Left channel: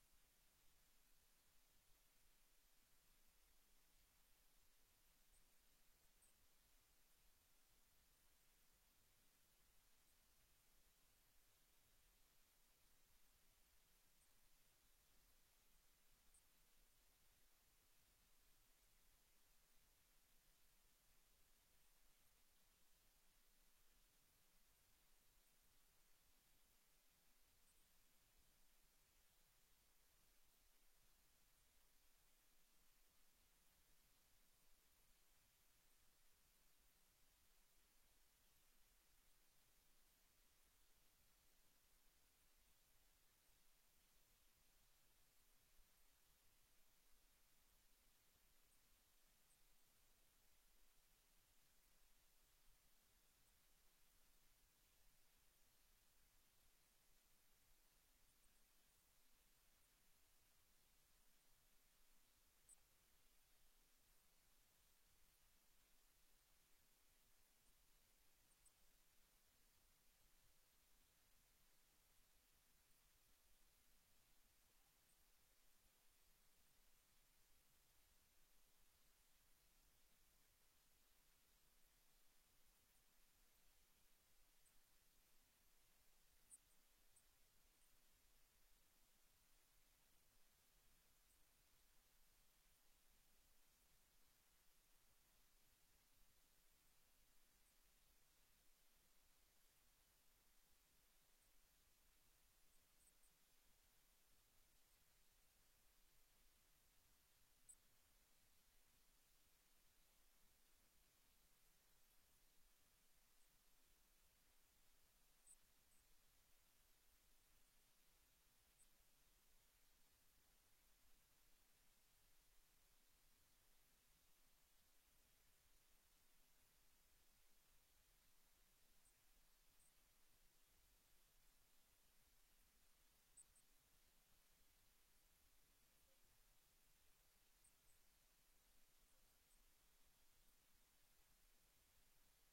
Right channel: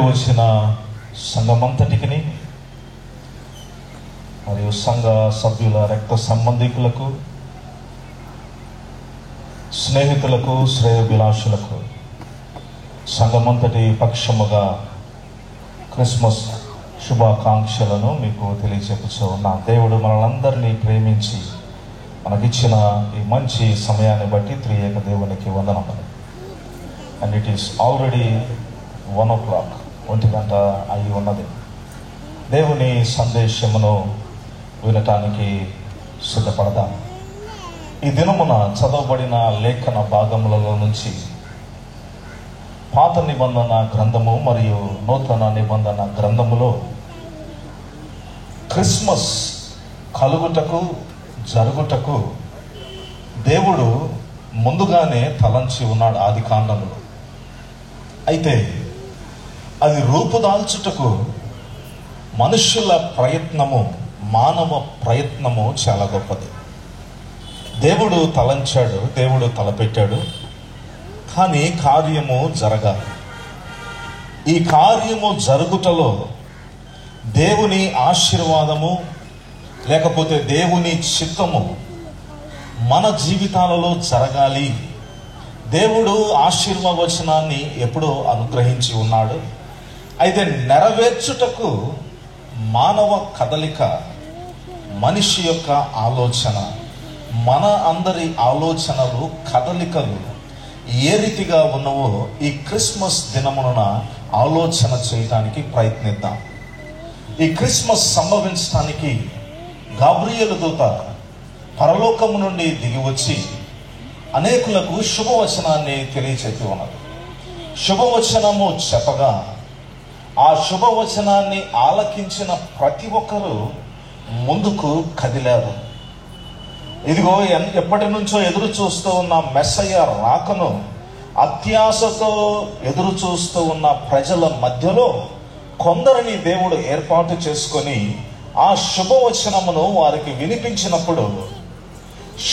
వచ్చిన సంఘమంతటికి మరియు సంఘ సభ్యుల రక్త సంబంధికులకు, స్నేహితులకు, శ్రేయోభిలాషులకు సంఘమంతటి పక్షముగా క్రిస్మస్ శుభాకాంక్షలను మీకు తెలియజెప్పుచూ ఉన్నా. దేవుడు మనలందరినీ ప్రేమించి మనకిచ్చిన ఈ మంచి సమయాన్ని బట్టి త్రియేక దేవునికి వందనములు. And it is already 1 o'clock, 1 గంట అయి ఉన్నది. దేవుని సందేశమును వినటానికి సిద్ధపడదాం. ఈ దినమున చదవబడిన లేఖన భాగములలో నుంచి పాత నిబంధన గ్రంథము మరియు నూతన నిబంధన గ్రంథములో క్రిస్మస్ కలుగుటకు జరుగుటకు దేవుడు ముందుగానే తలంచి ఉన్నాడు ఆది కాండములో. అయితే అది రూపుదాల్చుటకు మనుషుల ప్రయత్నము, మానవ ప్రయత్నము చాలా గొప్పది. దేవుడు తలంచాడు, దేవుడు తలపెట్టాడు, కానీ కార్యము జరగాలి. ఈ కార్యము జరుగుటలో దేవుని ఆశీర్వాదము లేకపోతే దేవుని చిత్తము మన జీవితాలలో జరగాలి. దేవుడు ఆశీర్వచనాన్ని ఎప్పుడో అనుగ్రహించి ఉన్నాడు. అయితే నెరవేర్చుటకు మానవ కదలిక, మనిషి యొక్క ఆలోచన, మన అందరి ఆలోచనలు, కదలికలు ఏ రీతిగా ఉన్నవో ఈ క్రిస్మస్ దినమున ఆలోచన చేయటానికి ప్రయత్నిద్దాం. ఈ క్రిస్మస్ సంభవించడానికి గాబ్రియేలు దూత పరలోకము నుండి దిగి వచ్చి అనేకులకు శుభవచనాన్ని తెలియచెప్పి ఉన్నది. శుభవచనము చెప్పగా ఆ శుభవచనాన్ని ఆలకించిన ప్రతి ఒక్కరూ ముందుకు కదిలారు. ఇదిగో ఎప్పటి నుంచో ఎదురు చూస్తూ ఉన్న మెస్సయ్య రాకను అత్యాశతో ఎదురు చూస్తూ ఉన్న ప్రజల మధ్యలో కొందరిని దేవుడు ఏర్పాటు చేసుకొని ఆ శుభవచనమును వారికి వినిపించినప్పుడు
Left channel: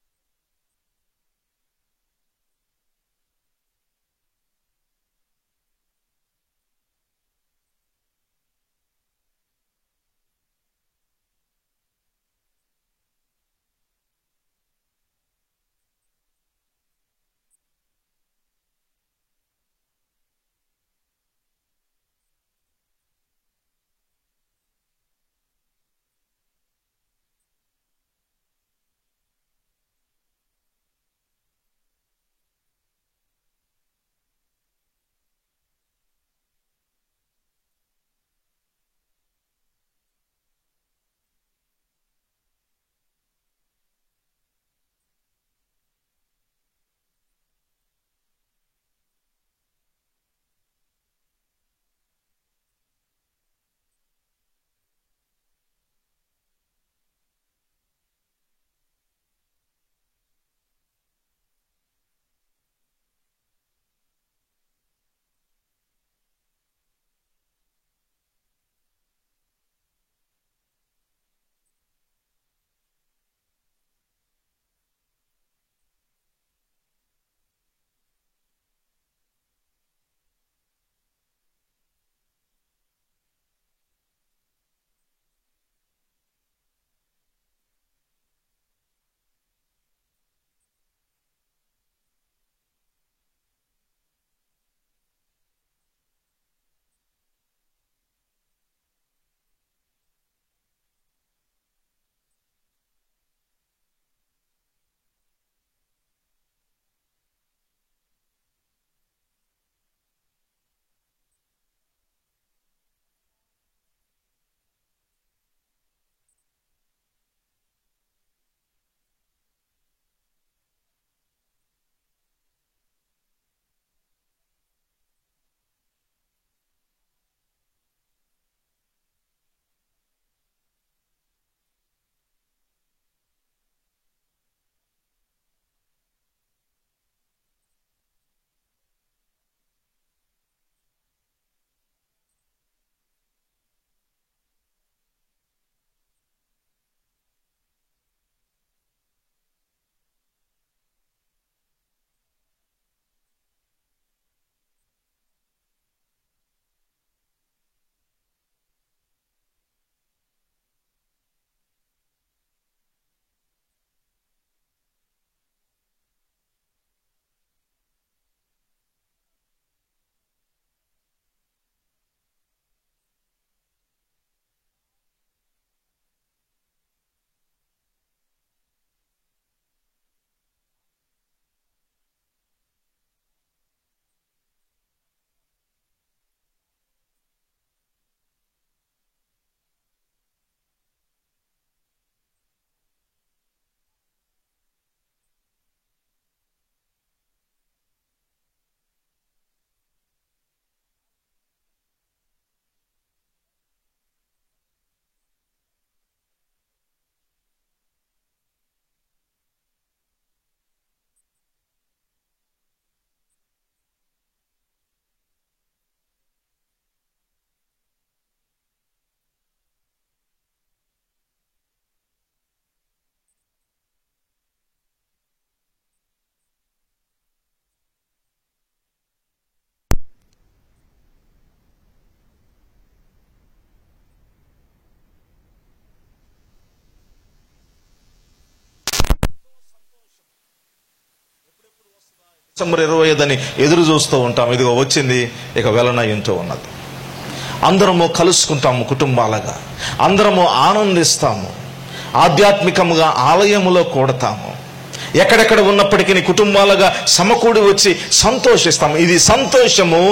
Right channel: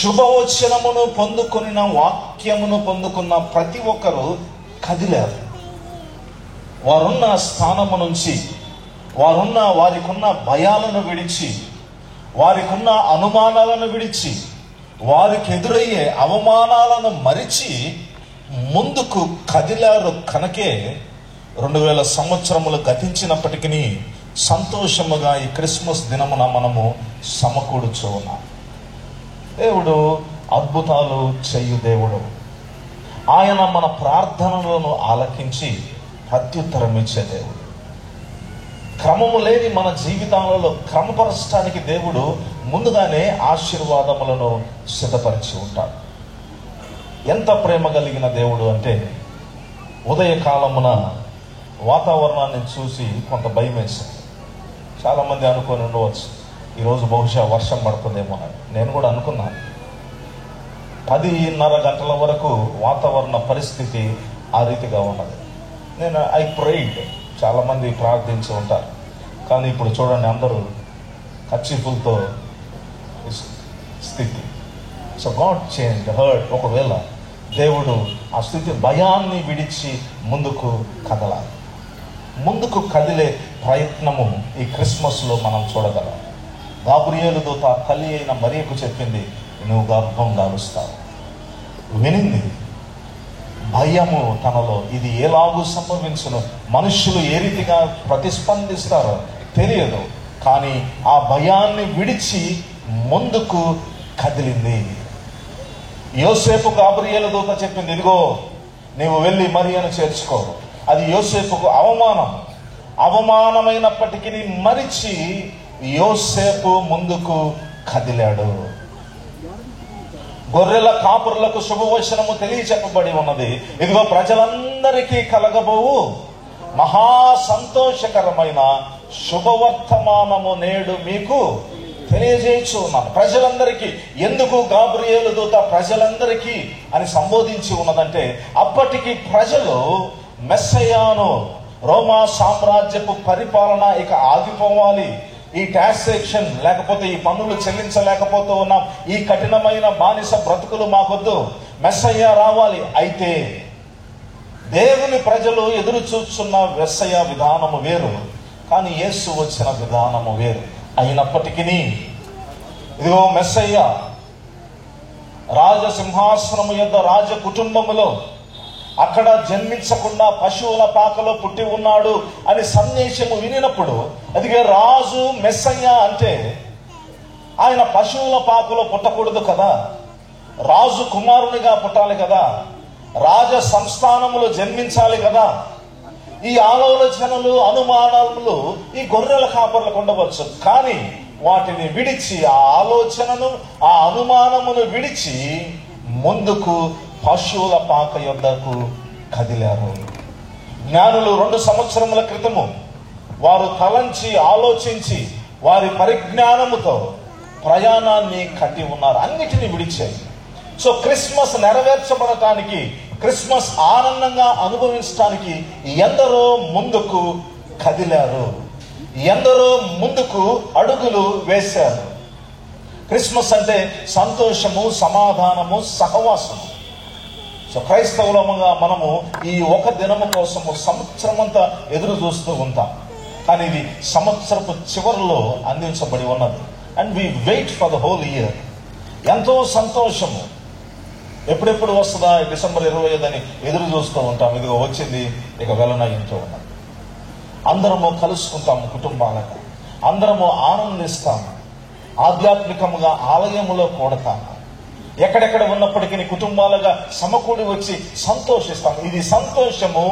శుభవచనమును పొందుకున్న, వాక్యమును పొందుకున్న ప్రతి ఒక్కరూ కదిలారు. వారున్న స్థానము నుంచి, వారికున్న భయాలను విడిచి, వారికున్న అనుమానాలను విడిచి, వారికి ఎదురయ్యే అవమానాలను మరిచి ముందుకు కదిలారు. కనుకే 2000 సంవత్సరములు గతించినప్పటికీ సంతోషముగా ఈ క్రిస్మస్ దినమున మనము సమకూడుచూ ఉన్నాం. దేవుడు అద్భుతాలు చేయు దేవుడు. ఆయన మన ప్రార్థనలను ఆలకించి ప్రత్యుత్తరం ఇచ్చే దేవుడు. క్రమము లేని మన జీవితాలలో క్రమపరచడానికి దేవుడు ముందుగానే ఆశీర్వాదములను సిద్ధపరిచి ఉంటాడు. ఎంత ప్రేమ కలిగిన దేవుడు అంటే, ఉదయకాలమున వాతావరణాన్ని చూసి కొంత భయం వేసింది. చాలామంది అనుకొని ఉండవచ్చు, ఈరోజు బహుశా వర్షం పడుతుందేమో అని. నేను కూడా అనుకున్నాను. 10:30 గంటల వరకు వాతావరణ పరిస్థితి ఆ రీతిగా ఉన్నది. ఐ ప్రేయిడ్, చాలామంది ప్రార్థించి ఉంటారు. కానీ ఇప్పుడు చూడండి, అందరూ కర్చీఫులతో స్థితి. So God change hurt. ఒకవేళ దేవుడు ఆ స్థితి, భయాన్ని విడిచి ముందుకు కదలాలి. ముందుకు కదిలే ప్రయత్నము ఈ క్రిస్మస్లో మనం చూడగలం. గాబ్రియేలు దూత తల్లి అయిన మరియకు చెప్పింది, నువ్వు గర్భం దాలుస్తావు. వినింది, భయము తనలో, ఇది ఎలాగూ సంభవించును, మనుషులు ఏ రీతిగా ప్రతిస్పందిస్తారో తెలియదు. కానీ ఆ భయాన్ని విడిచి ముందుకు కదిలింది. యోసేపు గాబ్రియేలు దూత చెప్పింది, ఇదిగో నీవు వెళ్ళి మరియను చేర్చుకో. అది యోసేపుకు అవమానమైనప్పటికీ మరిచి యోసేపు ముందుకు కదిలాడు. గొర్రెల కాపురులకు శుభవచనము తెలియచెప్పబడి ఉన్నది. ఇదిగో ప్రజలందరికీ కలగబోవు మహా సంతోషకరమైన శుభవర్తమానము నేడు మీకు తెలియజేయచ్చు ఉన్నాను. ప్రజలందరికీ. ఎందుకు గాబ్రియేలు దూత ప్రజలందరికీ అని సంబోధించి ఉన్నదంటే, అప్పటికి ప్రజలు మెస్సయ్యాను, రోమా సామ్రాజ్యపు పరిపాలన ఇక ఆగిపోవాలి, ఈ టాక్సేషన్ లేకపోతే ఈ పన్నులు చెల్లించలేకపోతూ ఉన్నాం, ఈ కఠినమైన బానిస బ్రతుకులు మాకొద్దు, మెస్సయ్య రావాలి. అయితే దేవుని ప్రజలు ఎదురు చూస్తున్న మెస్సయ్య విధానము వేరు, కానీ యేసు వచ్చిన విధానము వేరు. అయినప్పటికీ ఇదిగో మెస్సయ్య రాజసింహాసనము యొద్ద రాజ కుటుంబములో అక్కడ జన్మించకుండా పశువుల పాకలో పుట్టి ఉన్నాడు అని సందేశము వినినప్పుడు, అదిగే రాజు మెస్సయ్య అంటే ఆయన పశువుల పాకలో పుట్టకూడదు కదా, రాజు కుమారునిగా పుట్టాలి కదా, రాజ సంస్థానములు జన్మించాలి కదా. ఈ ఆలోచనలు అనుమానాలు ఈ గొర్రెల కాపర్లకు ఉండవచ్చు, కానీ వాటిని విడిచి, ఆ ఆలోచనను ఆ అనుమానమును విడిచి ముందుకు పశువుల పాక యొద్దకు కదిలారు. జ్ఞానులు 2 సంవత్సరముల క్రితము వారు తలంచి ఆలోచించి వారి పరిజ్ఞానముతో ప్రయాణాన్ని కట్టి ఉన్నారు, అన్నిటినీ విడిచాయి. సో క్రిస్మస్ నెరవేర్చబడటానికి, క్రిస్మస్ ఆనందంగా అనుభవించడానికి ఎందరో ముందుకు కదిలారు, ఎందరో ముందుకు అడుగులు వేశారు. క్రిస్మస్ అంటే సంతోషము, సమాధానము, సహవాసము. సో క్రైస్తవులముగా మనము ఈ ఒక దినము కోసము సంవత్సరమంతా ఎదురు చూస్తూ ఉంటాం, కానీ ఇది సంవత్సరపు చివరిలో అందించబడి ఉన్నది. And we wait for the whole year. ఎంతో సంతోషము, ఎప్పుడెప్పుడు వస్తుందా, డిసెంబర్ 25 ఎదురు చూస్తూ ఉంటాం. ఇదిగో వచ్చింది, ఇక వెళ్ళనయ్యంటూ ఉన్నది. అందరము కలుసుకుంటాము కుటుంబాలుగా, అందరము ఆనందిస్తాము, ఆధ్యాత్మికముగా ఆలయములో కూడతాము. ఎక్కడెక్కడ ఉన్నప్పటికీ కుటుంబాలుగా సమకూడి వచ్చి సంతోషిస్తాము. ఇది సంతోషము,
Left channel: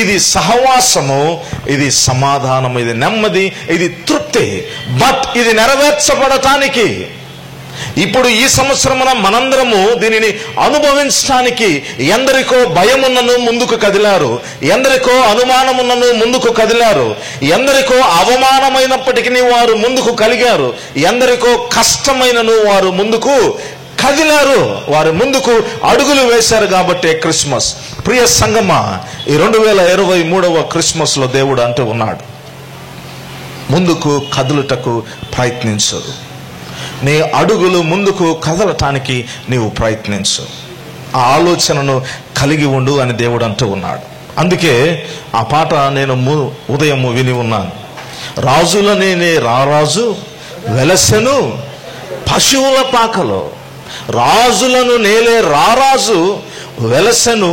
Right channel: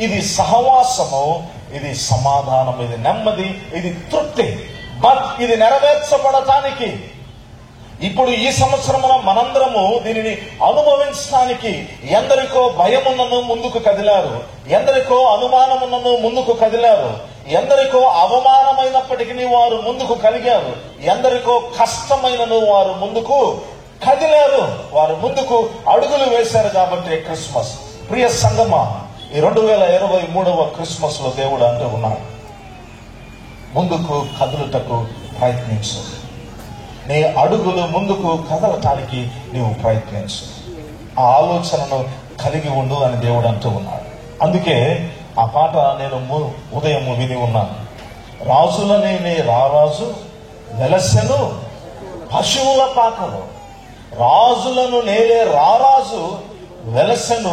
ఇది సహవాసము, ఇది సమాధానము, ఇది నెమ్మది, ఇది తృప్తి. బట్ ఇది నెరవేర్చబడటానికి ఇప్పుడు ఈ సంవత్సరమున మనందరము దీనిని అనుభవించడానికి ఎందరికో భయమున్నను ముందుకు కదిలారు, ఎందరికో అనుమానమున్నను ముందుకు కదిలారు, ఎందరికో అవమానమైనప్పటికీ వారు ముందుకు కలిగారు, ఎందరికో కష్టమైనను వారు ముందుకు కదిలారు, వారు ముందుకు అడుగులు వేశారు. కాబట్టి క్రిస్మస్. ప్రియ సంగమా, ఈ 2023వ క్రిస్మస్ లో దేవుడు అంటూ ఉన్నాడు, ముందుకు కదులుటకు ప్రయత్నించు, నీ అడుగులు ముందుకు కదలటానికి నీవు ప్రయత్నించు, ఆ ఆలోచనను కలిగి ఉండు అని దేవుడు అంటూ ఉన్నాడు. అందుకే ఆ పాట నేను ఉదయం విని ఉన్నాను. రాజులనే రారాజు వెలసెను పశువుల పాకలో, రాజులను నేలే రారాజు వెలసెను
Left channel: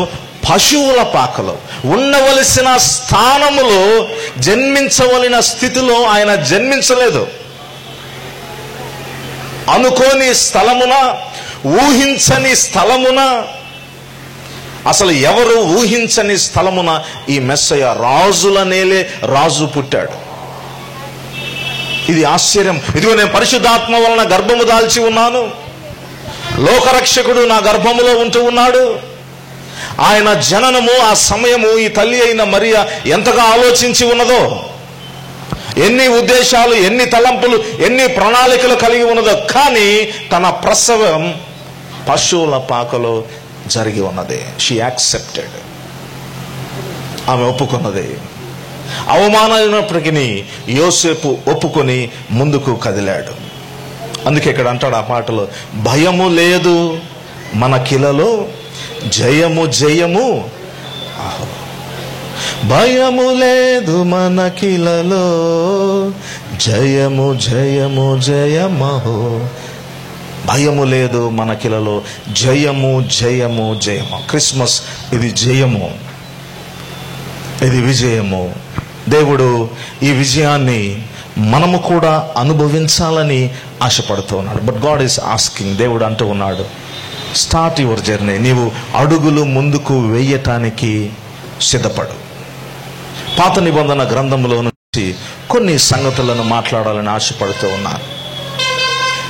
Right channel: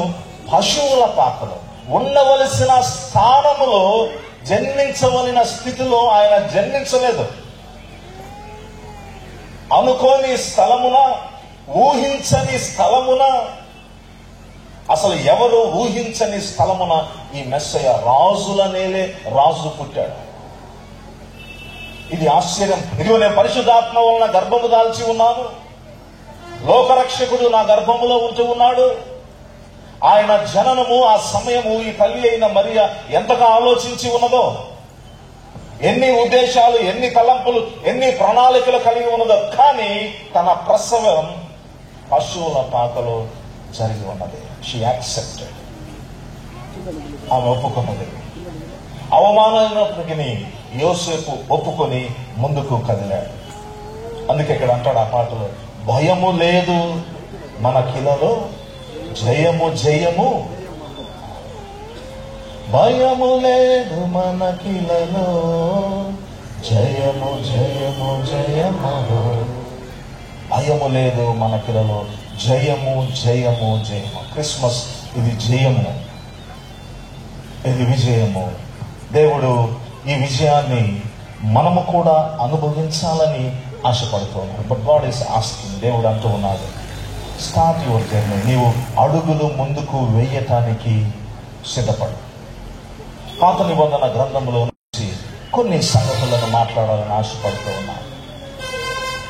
పశువుల పాకలో. ఉండవలసిన స్థానములో, జన్మించవలసిన స్థితిలో ఆయన జన్మించలేదు. అనుకోని స్థలమున, ఊహించని స్థలమున, అసలు ఎవరు ఊహించని స్థలమున ఈ మెస్సయ్య రాజుల నేలే రాజు పుట్టాడు. ఇది ఆశ్చర్యం. ఇదిగో నేను పరిశుద్ధాత్మ వలన గర్భము దాల్చి ఉన్నాను, లోకరక్షకుడు నా గర్భములో ఉంటూ ఉన్నాడు. ఆయన జననము, ఆ సమయము ఈ తల్లి అయిన మరియా ఎంతగా ఆలోచించి ఉన్నదో, ఎన్ని ఉద్దేశాలు, ఎన్ని తలంపులు, ఎన్ని ప్రణాళికలు కలిగి ఉన్నదో. కానీ తన ప్రసవం పశువుల పాకలో జరిగి ఉన్నది. షీ యాక్సెప్టెడ్, ఆమె ఒప్పుకున్నది. అవమానమైనప్పటికీ యోసేపు ఒప్పుకొని ముందుకు కదిలాడు. అందుకే ఇక్కడ అంటాడు ఆ పాటలో, భయము లేదు మనకిలలో, జయము జయము, భయము లేదు మనకిలలో, జయము జయము జయమహో. భయము లేదు మనకిలలో, జయము జయము జయము. క్రిస్మస్ ఇది జయము, ఇది విజయము. దేవుడు ఈ విజయాన్ని మనము కూడా అనుభవించాలని ఆశపడుతూ ఉన్నాడు. బట్ గాడ్ ఈస్ ఆస్కింగ్, దేవుడు అంటూ ఉన్నాడు, స్టార్ట్ యువర్ జర్నీ. నీవు అడుగులు ముందుకు వెయ్యటానికి సిద్ధపడు. పాత నిబంధన గ్రంథంలో నుంచి కొన్ని సంగతులను మాట్లాడాలని ఆశపడుతూ ఉన్నారు.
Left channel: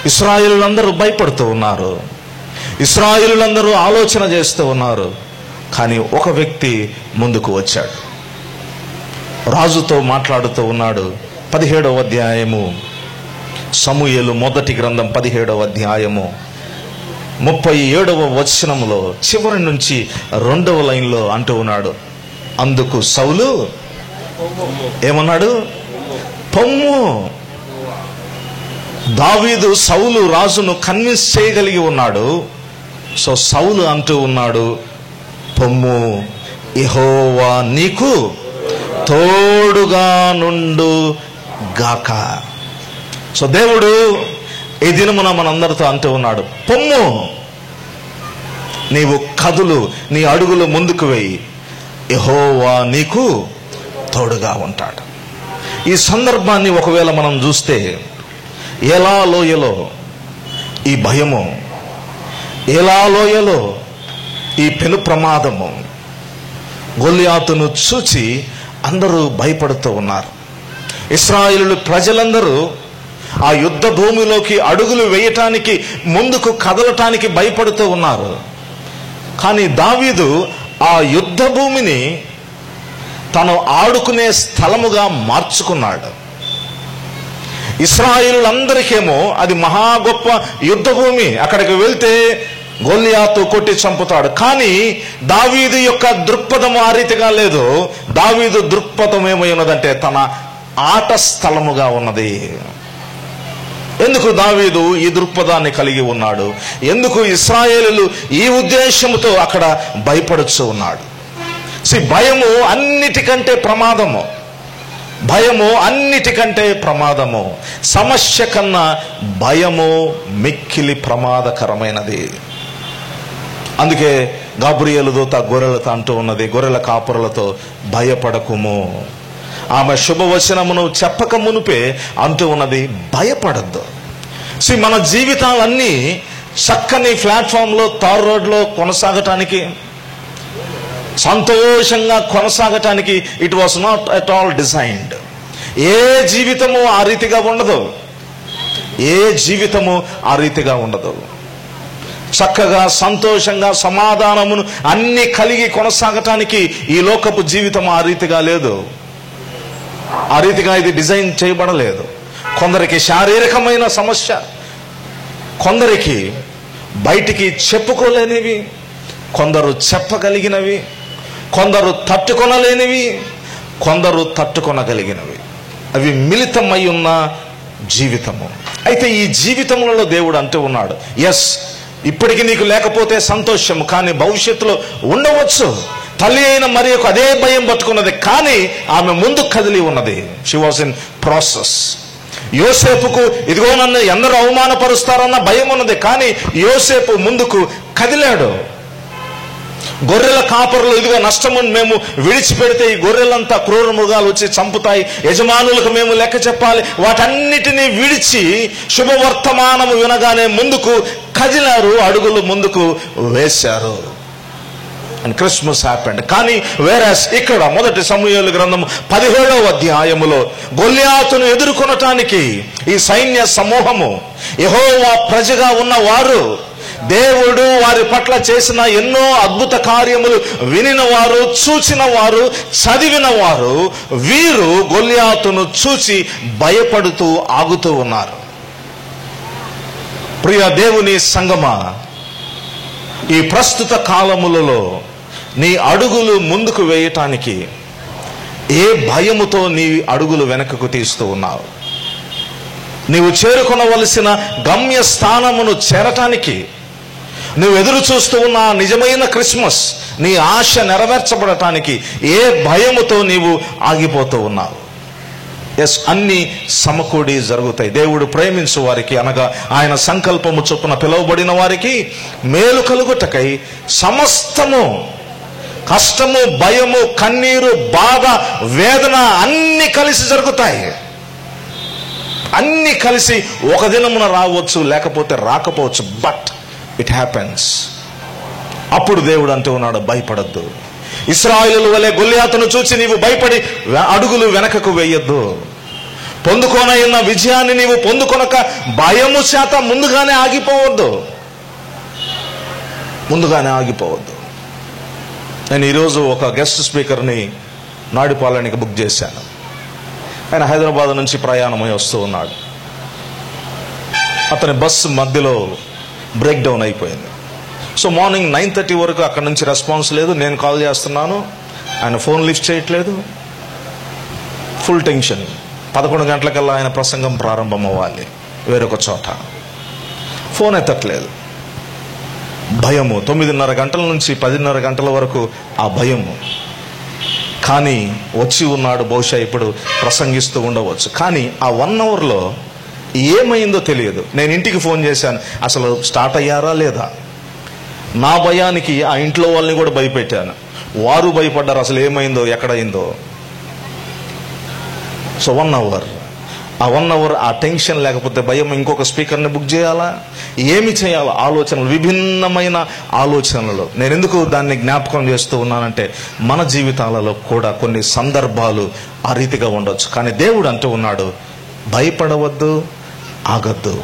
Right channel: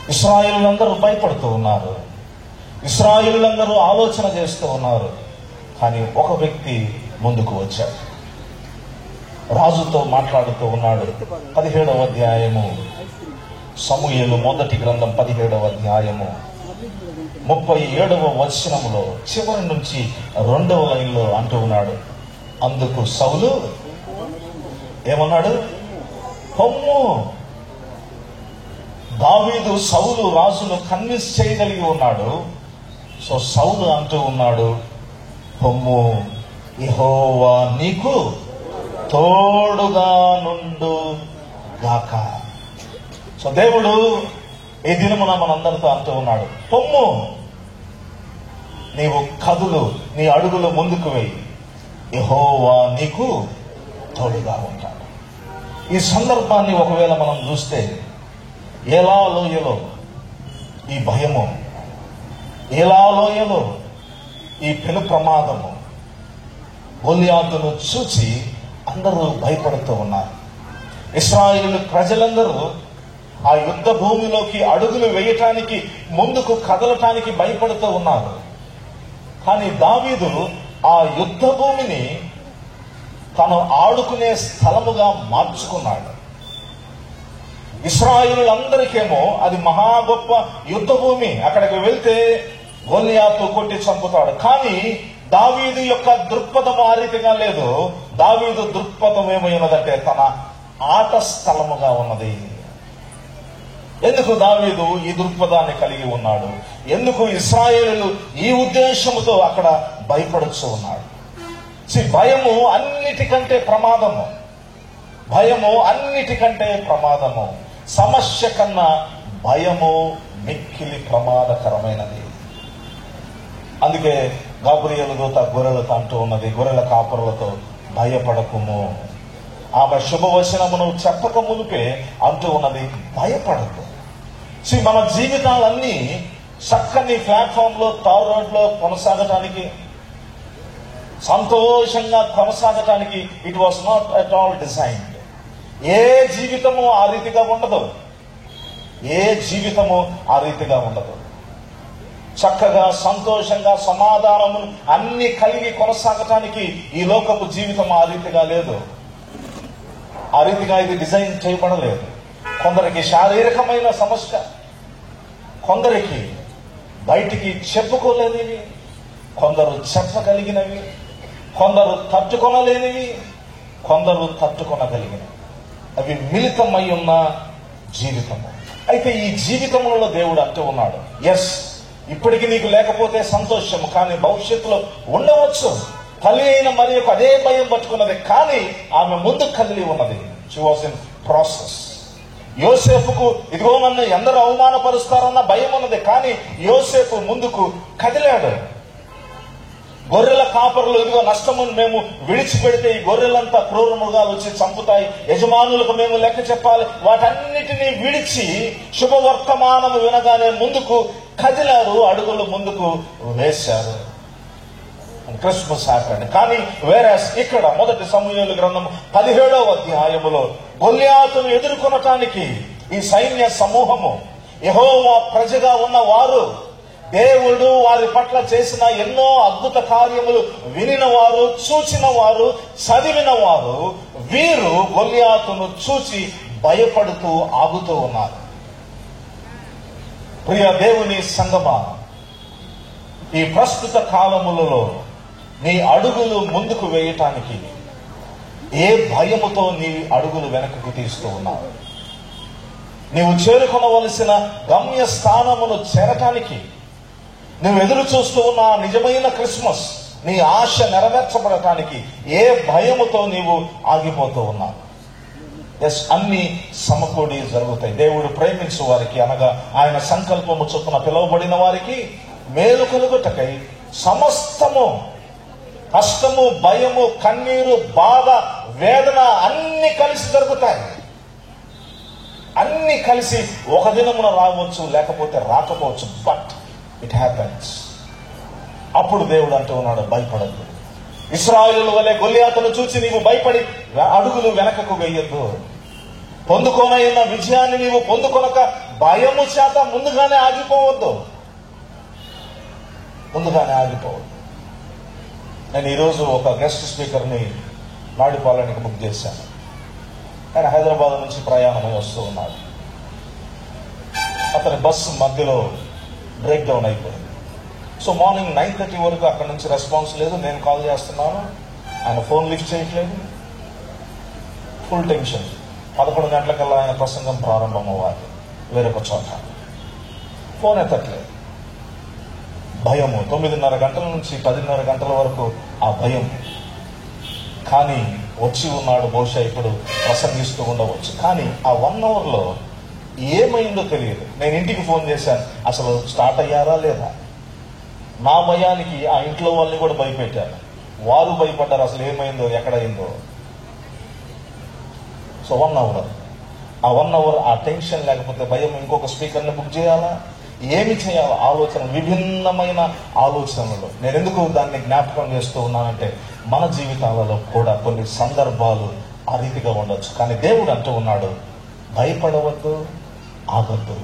ఇశ్రాయేలులందరూ భయపడుతూ ఉన్నారు, ఇశ్రాయేలులందరూ ఆలోచన చేస్తూ ఉన్నారు. కానీ ఒక వ్యక్తి ముందుకు వచ్చాడు, రాజుతో మాట్లాడుతూ ఉన్నాడు. 17వ అధ్యాయము, సమూయేలు మొదటి గ్రంథం 17వ అధ్యాయము 37వ వచనంలో చివరి నుంచి 2వ లైన్లో అంటూ ఉన్నాడు, అందుకు సౌలు ఏమన్నాడు? పొమ్ము. దావీదు సౌలు రాజును కన్విన్స్ చేయగలిగి ఉన్నాడు. సో సౌలు అంటూ ఉన్నాడు, పొమ్ము, యెహోవా నీకు తోడుగా నుండు గాక. సో దేవుడు ఈ దినమున మనందరితో అంటూ ఉన్నాడు, పొమ్ము, నీవు కదులు, నీ అడుగులు ముందుకు వేయి, యెహోవా నీకు తోడుగా ఉంటాడు. ఈ సందర్భాన్ని ఒకవేళ మనం చూస్తే, ఏలా లోయలో ఈ భయము, ఏలా లోయలో ఈ పెను ప్రమాదము, గొల్యాతును చూచి అందరూ భయపడుతూ ఉన్నారు. ఇశ్రాయేలు ప్రజలందరూ ఆ యుద్ధ భూమిలోకి అడుగులు వేయటానికి, ముందుకు కదలటానికి భయపడుతూ ఉన్నారు. కానీ దావీదు ఆ యుద్ధ భూమిని తను ఆడుకునే స్థలముగా మార్చుకున్నాడు. ఇశ్రాయేలులందరికేమో అది మహా గొప్ప యుద్ధ భూమి, అక్కడికి వెళ్తే గొల్యాతు కొట్టి చంపుతాడు. కానీ దావీదు యొక్క దృక్పథం ఆ రీతిగా లేదు. దావీదు దృక్పథం ఏమైనదంటే తన ఆట స్థలముగా ఉన్నది. ఎందుకు దావీదు ఈ దృక్పథాన్ని కలిగి ఉన్నాడు? ఎందుకు ఇశ్రాయేలులు ఈ ఉద్దేశముతో అక్కడ భయపడుచు ఉన్నాడు? భయము అన్నిటికంటే ప్రమాదము, భయము అన్నిటికంటే ప్రమాదము. సమస్య కన్నా భయము మిక్కిలి ప్రమాదకరమైనది. అందుకే గాబ్రియేలు దూత గొర్రెలతో అంటూ ఉన్నది, గొర్రెల కాపురలతో భయపడకుము. ఆమె శుభవచనమును చెప్పక మునిపే అంటూ ఉన్నది, భయపడద్దు. మన జీవితాలన్నీ చక్కని ప్లాట్ఫామ్లో, తార్ రోడ్లో కొనసాగటానికి, సంతోషంగా కొనసాగటానికి it was not at all designed. ఏ జీవితము ఆ రీతిగా ఉండదు, ఏ జీవితము ఆ రీతిగా ఉండదు. చక్కగా సంతోషంగా సమాధానమును అన్ని కలిగి కొనసాగటానికి ఈ లోకపు జీవితం ఆ రీతిగా లేదు. ఆ రీతిగా ఇది డిజైన్ చేయబడలేదు. కొందరికి శారీరకమైన సమస్య, కొందరికి బయటికి చెప్పుకోలేనివి, కొందరు చెప్పగలిగినవి, కొందరు తట్టుకొనలేనివి, కొందరు తట్టుకొనగలిగినవి. అవి మిళితమై ఉన్న జీవితము. అయితే ఈ జీవితంలో దేవుడు అంటూ ఉన్నాడు, ఎస్, ఇప్పటికి నీకు లేకపోతే సంతోషము, కానీ భవిష్యత్తులో ఉండవచ్చు. తల్లి అయిన మరి అదే భయం పట్టుకున్నది, కానీ ఆమె ముందు కదిలి ఉన్నది. She was in process. యోసేపుకు ఇదిగో నన్ను అందరూ అవమానపరుస్తారన్న భయం ఉన్నది, కానీ యోసేపు ముందుకు కదిలాడు. గొర్రెల కాపరులు ఇదిగో నష్టము మేము విడిచిపెడితే ఈ గొర్రెలంతా క్రూర మృగాలు వచ్చి చంపుతాయి, యజమానులకు మేము లెక్క చెప్పాలి, వాటన్నిటినీ విడిచి శుభవర్తమానము వినగానే ముందుకు కదిలారు, అడుగులు ముందుకు వేశారు. And Christmas happened. కానీ వేరస్ ఇక్కడ మొదటి సమూయేలు గ్రంథం 17వ అధ్యాయములో గొల్యాతును ఎదుర్కొనటానికి ఈ సైన్య సమూహము, యెహోవా ప్రజగా ఉన్న వారు, దేవుడు వారి పట్ల చేసిన ఎన్నో అద్భుత కార్యములు వినిన వారు, చూచిన వారు, చదివిన వారు, వీరు గొల్యాతును చూచి భయపడుతూ ఆగుతూ ఉన్నారు. ప్రియ దేవుని సంగమా, ఈ ప్రస్తుత కాలములలో నీ అడుగులు ముందుకు వేయటానికి ఏ భయముతో నీ అడుగులు వెనకకు తీస్తూ ఉన్నావు? నీవు చేరుకొనవలసిన గమ్య స్థానమును చేరటానికి నువ్వు ఎదురు చూస్తూ ఉన్న నిజమైన క్రిస్మస్, నీ ఆశ నెరవేర్చబడటానికి ఏ భయముతో నీవు ఆగిపోతూ ఉన్నావు? ఎస్, అన్ని సమకూడి జరుగుతాయి. దేవుడు ప్రేమించు వారికి, అనగా ఆయన సంకల్పము చొప్పున పిలువబడిన వారికి మేలు కలుగుటకై సమస్తము, కష్టము, భయము, కన్నీరు, బాధ, వేదన అన్ని కలిసి జరుగుతాయి. అన్ని కలిసి ఒక దినమున రావచ్చు, లేకపోతే రాకపోవచ్చు, బట్ ఇట్ హ్యాపెన్స్. అప్పుడు దేవుడు అంటూ ఉన్నాడు, భయపడద్దు. ఇశ్రాయేలు వలె గొల్యాతును చూసి నీవు భయపడి అడుగులు వెనకకు వేయొద్దు. పొందుకోనన్న విజయాన్ని నీవు పొందుకొనక భయము చేత ముందుగానే ఆగిపోవద్దు, ముందుగానే ఆగిపోవద్దు. నేను ఈరోజు ఒక గెస్ట్ స్పీకర్ని నాడిపాలనికి బుక్ చేశాను. ఆయన హైదరాబాద్ నుంచి ప్రయాణమై వస్తూ ఉన్నాడు. అతని బస్సు మధ్యలో బ్రేక్ డౌన్ అయిపోయింది. సో మార్నింగ్ 9:30 వరకు అక్కడ నుంచి రెస్పాన్స్ లేదు. నేను కాల్ చేస్తున్నాను, ఆయన ఫోన్ లిఫ్ట్ చేయట్లేదు. Full tension. 11 గంటలకల్లా ఆయన ప్రసంగం ప్రారంభం అవ్వాలి వేరొక చోట. ఫోన్ ఎత్తట్లేదు. భయము. 9:30 గంటల నుంచి 10:30 గంటల వరకు ఆ భయము. కానీ వచ్చి ఉన్నాడు, బహుశా ఇప్పుడు ప్రసంగిస్తూ ఉండవచ్చు. కానీ ఆ 1 అవర్లో ఏమైందో తెలియదు. నేను ఇంటికి ఫోన్ చేశాను, అసలు స్టార్ట్ అయ్యారా లేదా. నా భయానికి ఆ ఇంట్లో వాళ్ళని కూడా భయపెట్టాను, వారు భయపడ్డారు అసలు ఏమైందో ఎక్కడైందో. సో 1 అవర్, ఆ 1 అవర్ ఆ టెన్షన్ లేకపోతే భయం, ఇంకొక స్పీకర్ని బుక్ చేయాలా, ఏమి చేయాలో ఆలోచనలు, విభిన్నమైన ఆలోచనలు. నేను ఎందుకు దాన్ని జ్ఞాపకం చేస్తూ ఉన్నానంటే మన జీవితాలలో కూడా కొన్ని సందర్భాలు ఆ రీతిగా ఉండొచ్చు. కానీ దేవుడు అంటూ ఉన్నాడు, భయపడవద్దు, ఆగద్దు,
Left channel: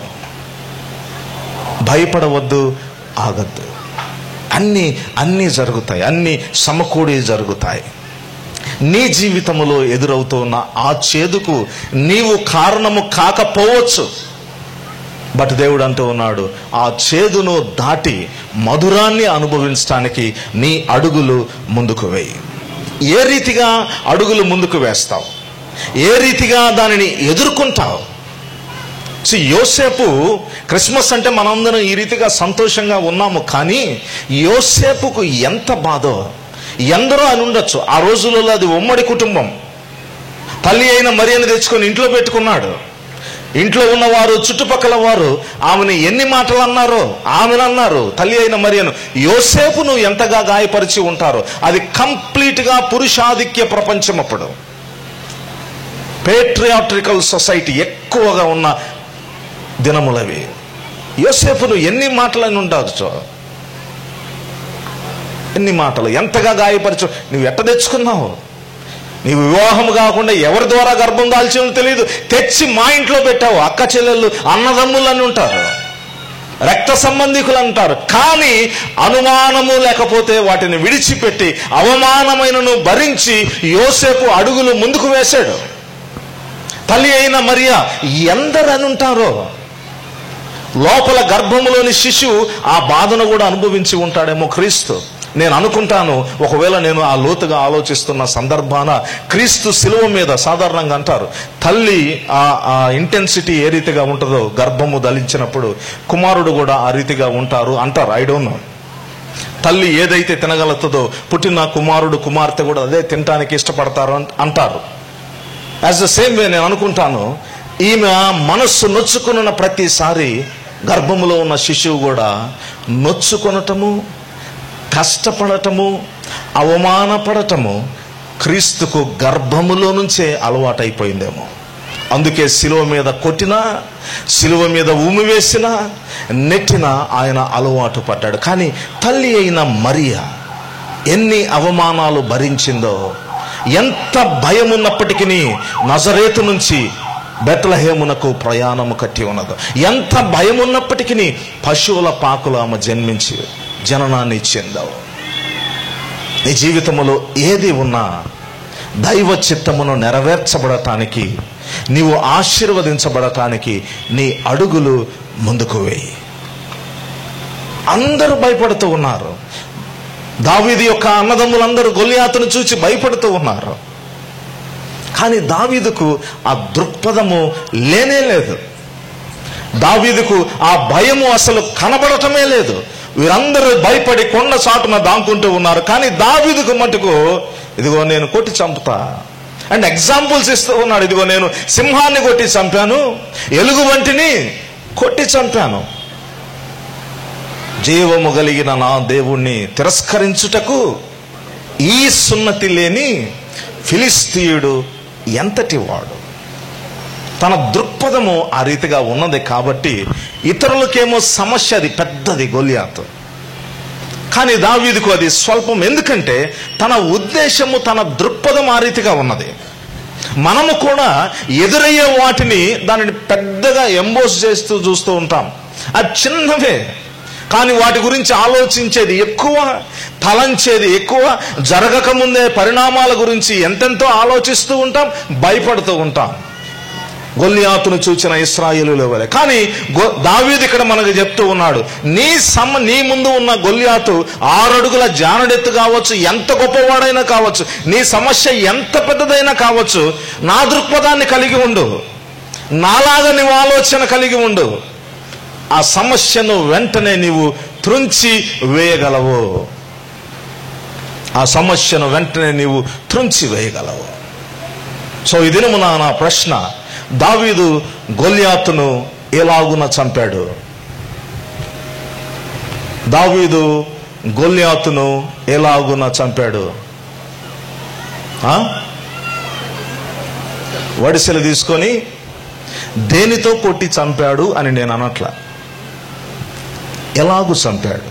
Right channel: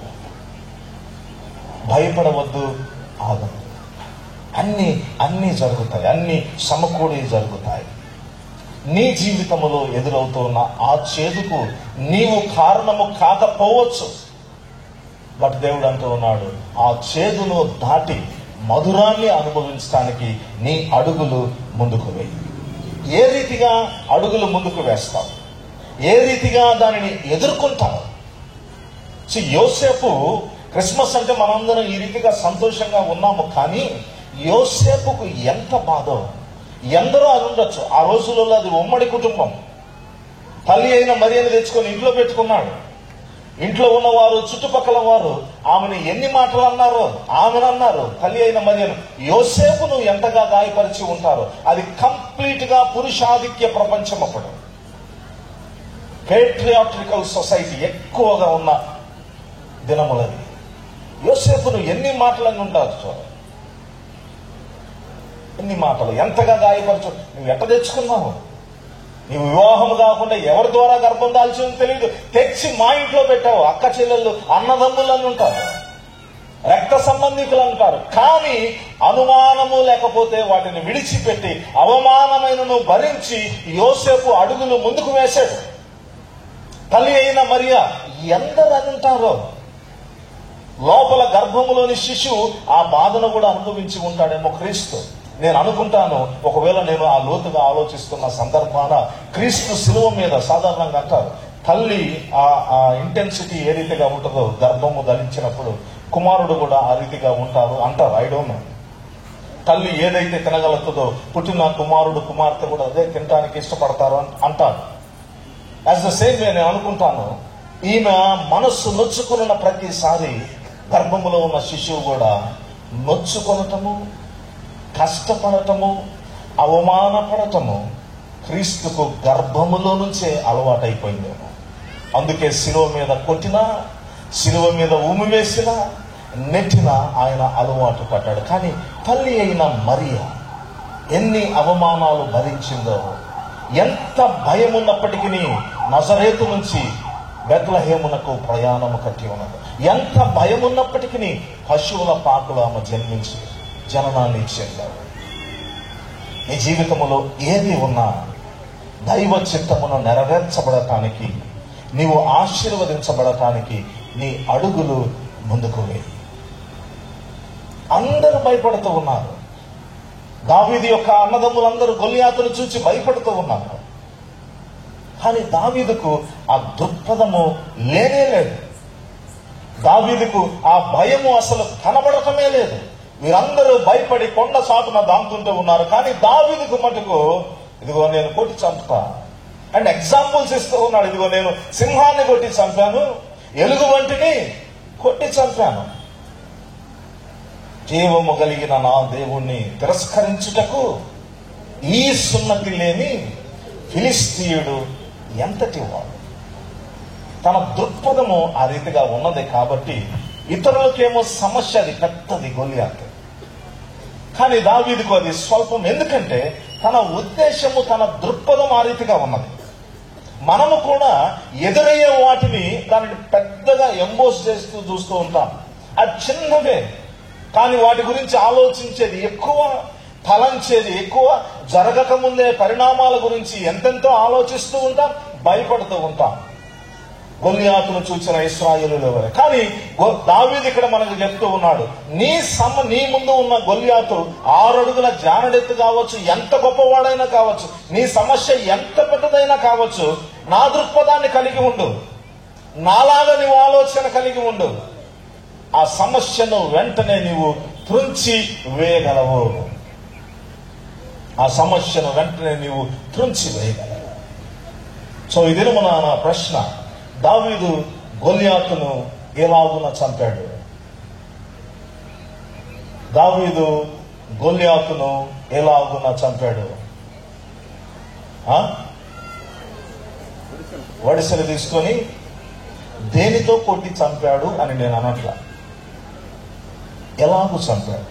భయపడవద్దు, ఆగద్దు. అన్నీ జరుగుతాయి, అన్నీ సమకూడి జరుగుతాయి. నీ జీవితంలో ఎదురవుతున్న ఆ చేదుకు నీవు కారణము కాకపోవచ్చు, బట్ దేవుడు అంటూ ఉన్నాడు, ఆ చేదును దాటి మధురాన్ని అనుభవించడానికి నీ అడుగులు ముందుకు వేయి. ఏ రీతిగా అడుగులు ముందుకు వేస్తావు, ఏ రీతిగా దానిని ఎదుర్కొంటావు. యోసేపు, క్రిస్మస్ అంటే మనందరం ఈ రీతిగా సంతోషంగా ఉన్నాము, కానీ యోసేపుకు ఎంత బాధో ఎందరో అని ఉండొచ్చు. ఆ రోజులలో అది ఉమ్మడి కుటుంబం. తల్లి అయిన మరియను తెచ్చుకొని ఇంట్లో పెట్టుకున్నాడు. ఇంట్లో ఉన్నవారు, చుట్టుపక్కల వారు ఆమెను ఎన్ని మాటలు అన్నారో, ఆమెను అన్నారు, తల్లి అయిన మరియను. యోసేపును ఎంతగా గాయపరిచి ఉంటారో. అది కంప్లీట్గా పురుషాధిక్య ప్రపంచం. అప్పుడు పేట్రియాట్రికల్ సొసైటీ ఎక్కువగా ఉన్న దినములవి. యోసేపును ఎన్ని మాటలని ఉండొచ్చు, ఎన్ని మాటలు, ఎంతగా గాయపరచు. నువ్వు ఎట్ట తెచ్చుకున్నావు, నీవు వివాహం కాకుండా ఎవరి ద్వారా గర్భం దాల్చిందో తెలియదు, తెచ్చి మా ఇంట్లో పెట్టావు. అక్క చెల్లెళ్ళు, అన్నదమ్ములు అని ఉంటారు, రక్త సంబంధికులు అంటారు. కానీ అనుమానము లేకపోతే వాటిని విడిచిపెట్టి అవమానమైనను భరించి యోసేపు అడుగులు ముందుకు వేశాడు. తల్లి అయిన మరియా ఎందరని ఉంటారో. లోపల గర్భంలోని శిశువు ఆ బాధను కూడా అనుభవించి ఉంటాడేమో క్రీస్తు. నేను అనుకుంటాను, ఒకవేళ నేను ఆ లోతుగా ఆలోచిస్తున్న సందర్భాన క్రీస్తు శిలువ మీద సాధారణంగా అంటారు, తల్లి ఆ ఇంటెన్సిటీ ఏ రీతిగా ఉంటుందో గర్భము ధరించినప్పుడు కుమారుడు కూడా ఆ రీతిగా ఉంటారు అంటారు. I don't know. తల్లి ఏదైతే తినగలుగుతుందో పుట్టిన కుమారుడు, కుమార్తె కూడా అదే తినడానికి ఇష్టపడతారు అంటారు. యాజ్ ద సేమ్ వే నేను అనుకుంటాను, ఈమె మనస్సు నొచ్చుకున్న ప్రతిసారి గర్భములో ఉన్న శిశువు కూడా నొచ్చుకొనటము, కష్టపడటము, అవమానపడటము క్రీస్తుకు గర్భములో నుంచే అలవాటైపోయిందేమో. అందుకే శిలువ మీద కొట్టినా, శిలువ మీద ఉమ్మి వేసినా, నెట్టినా ఆయన అలవాటు పడ్డాడు. కానీ తల్లి అయిన మరియా ఎన్ని అవమానాలు భరించిందో, ఎంత భయం ఉన్నప్పటికీ నజరేతు నుంచి బెత్లెహేమునకు ప్రయాణము కట్టి ఉన్నదో, ఎంత భయం ఉన్నప్పటికీ పశువుల పాకులు ఆమె జన్మించి జననాన్ని చెందావు. నీ జీవితంలో ఏది ఉన్నా దైవ చిత్తమును నెరవేర్చబడటానికి, నీవు ఆశీర్వదించబడటానికి నీ అడుగులు ముందుకు వేయి. అందరూ భయపడుతూ ఉన్నారు. దావీదు యొక్క అన్నదమ్ములందరూ గొల్లియాతును చూసి భయపడుతూ ఉన్నారు. కానీ దావీదుకు ఆ దృక్పథము లేనే లేదు. దావీదుకు ఆ భయము అసలు కనబడటమే లేదు. వీరందరూ భయపడి కొండ చాటున దాంకుంటూ ఉన్నారు. కానీ దావీదుకు మటుకు, ఇదిగో నేను కొట్టి చంపుతా అండ్ ఎగ్జాంపుల్స్ ఇస్తూ ఉన్నాడు. ఇదిగో నేను సింహాన్ని కొట్టి చంపాను, ఎలుగు వంటిని కొట్టి చంపాను. జీవము కలిగిన నా దేవుణ్ణి తిరస్కరించుటకు ఈ సున్నతి లేని ఫిలిస్తీయుడు ఎంతటి వాడు. తన దృక్పథము ఆ రీతిగా ఉన్నది కాబట్టి ఇతరులకేమో సమస్య అది పెద్దది, గొల్లియాతు. కానీ దావీదుకు అది స్వల్పం. ఎందుకంటే తన ఉద్దేశము, తన దృక్పథం ఆ రీతిగా ఉన్నది. మనము కూడా ఎదురయ్యే వాటిని దానిని పెద్దగా ఎంబోస్ చేస్తూ చూస్తూ ఉంటాం. అది చిన్నవే, కానీ వాటి గురించి ఆలోచించేది ఎక్కువ, తలంచేది ఎక్కువ. జరగకముందే పరిణామాల గురించి ఎంతెంతో ఆలోచిస్తూ ఉంటాం, భయపడుతూ ఉంటాం. గొల్లియాతును చూచిన ఇశ్రాయేలుల వలె. కానీ దావీదు ఇక్కడ మనకు చెప్తూ ఉన్నాడు, నీ ముందు ఉన్న గొల్లియాతు 6 అడుగుల జానడెత్తు కావచ్చు, ఎంత గొప్పవాడైనా కావచ్చు, నీ సమస్య ఎంత పెద్దదైనా కావచ్చు, నా దృక్పథాన్ని కలిగి ఉండు, నాలాగా నీవు ఆలోచన కలిగి ఉండు, ఆ సమస్యను వెంటనే నీవు త్రుంచి వేయగలవు. ఆ సమస్యను వెంటనే నీవు త్రుంచి వేయగలవు. సో ఈ దినమున నా ప్రశ్న, దావీదు గొల్యాతును ఎలాగున చంపాడు? దావీదు గొల్యాతును ఎలాగున చంపాడు? వడిసెలు తీసుకొని దేనితో కొట్టి చంపాడు అని నేను అనట్లా. ఎలాగూ చంపాడు?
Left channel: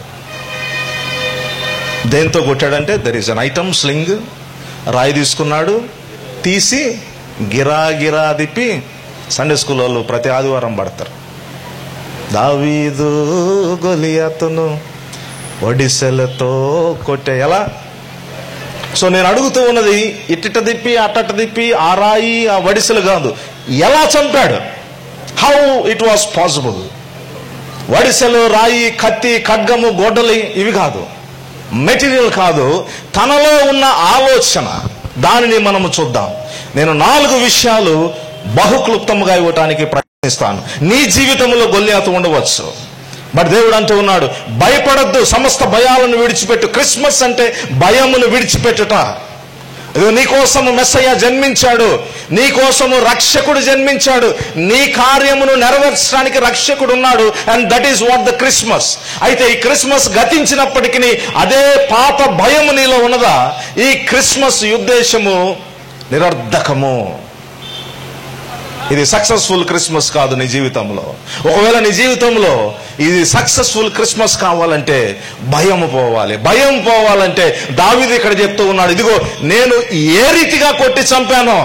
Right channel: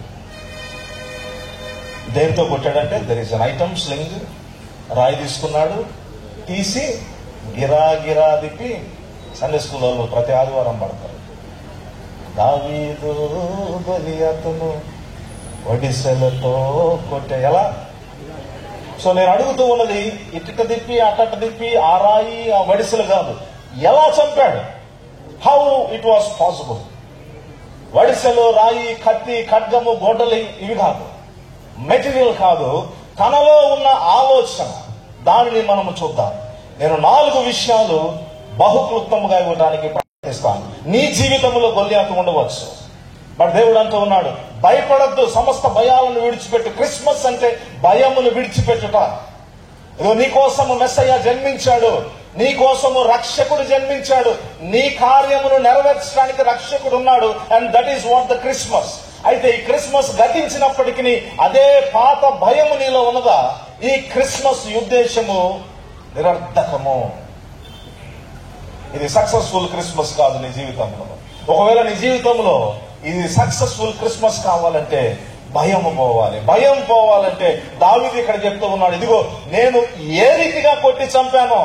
దేంతో కొట్టాడంటే there is an item, sling. రాయి తీసుకున్నాడు, తీసి గిరా గిరా తిప్పి, సండే స్కూల్ వాళ్ళు ప్రతి ఆదివారం పడతారు, దావీదు గొలియాతును వడిసెలతో కొట్టే. ఎలా? సో నేను అడుగుతూ ఉన్నది, ఇట్ట తిప్పి అట్ట తిప్పి ఆ రాయి ఆ వడిసెలు కాదు, ఎలా చంపాడు? How it was possible? వడిసెలు, రాయి, కత్తి, ఖడ్గము, గొడ్డలి ఇవి కాదు, మెటీరియల్ కాదు, తనలో ఉన్న ఆలోచన. దానిని మనము చూద్దాం. నేను 4 విషయాలు బహుక్లుప్తముగా ఇవ్వటానికి ప్రయత్నిస్తాను. నీ జీవితంలో గొల్యాతు ఉండవచ్చు, బట్ దేవుడు అంటూ ఉన్నాడు, భయపడద్దు, సమస్త భయాలను విడిచిపెట్టు. క్రిస్మస్ అంటే భయమును విడిచిపెట్టుట. నీకోసము మెస్సయ్య జన్మించాడు, నీకోసము రక్షకుడు జన్మించాడు, నీ కార్యమును నెరవేర్చడానికి రక్షకుడు ఉన్నాడు. And that is what the Christmas. అయితే ఈ క్రిస్మస్ గతించినప్పటికీ అదే పాత భయము నీలో ఉన్నదా? ఈ క్రిస్మస్ ఉద్దేశము నిరర్ధకము. ఇది సక్సెస్ఫుల్ క్రిస్మస్ కాదు నీ జీవితంలో. ఒకవేళ నీ జీవితంలో ఇది సక్సెస్ఫుల్ క్రిస్మస్ కావాలంటే భయం పోవాలి. భయం పోవాలంటే దావీదు ఇక్కడ చెప్తూ ఉన్నాడు, ఇదిగో నేను ఏ రీతిగా కొట్టి చంపానో,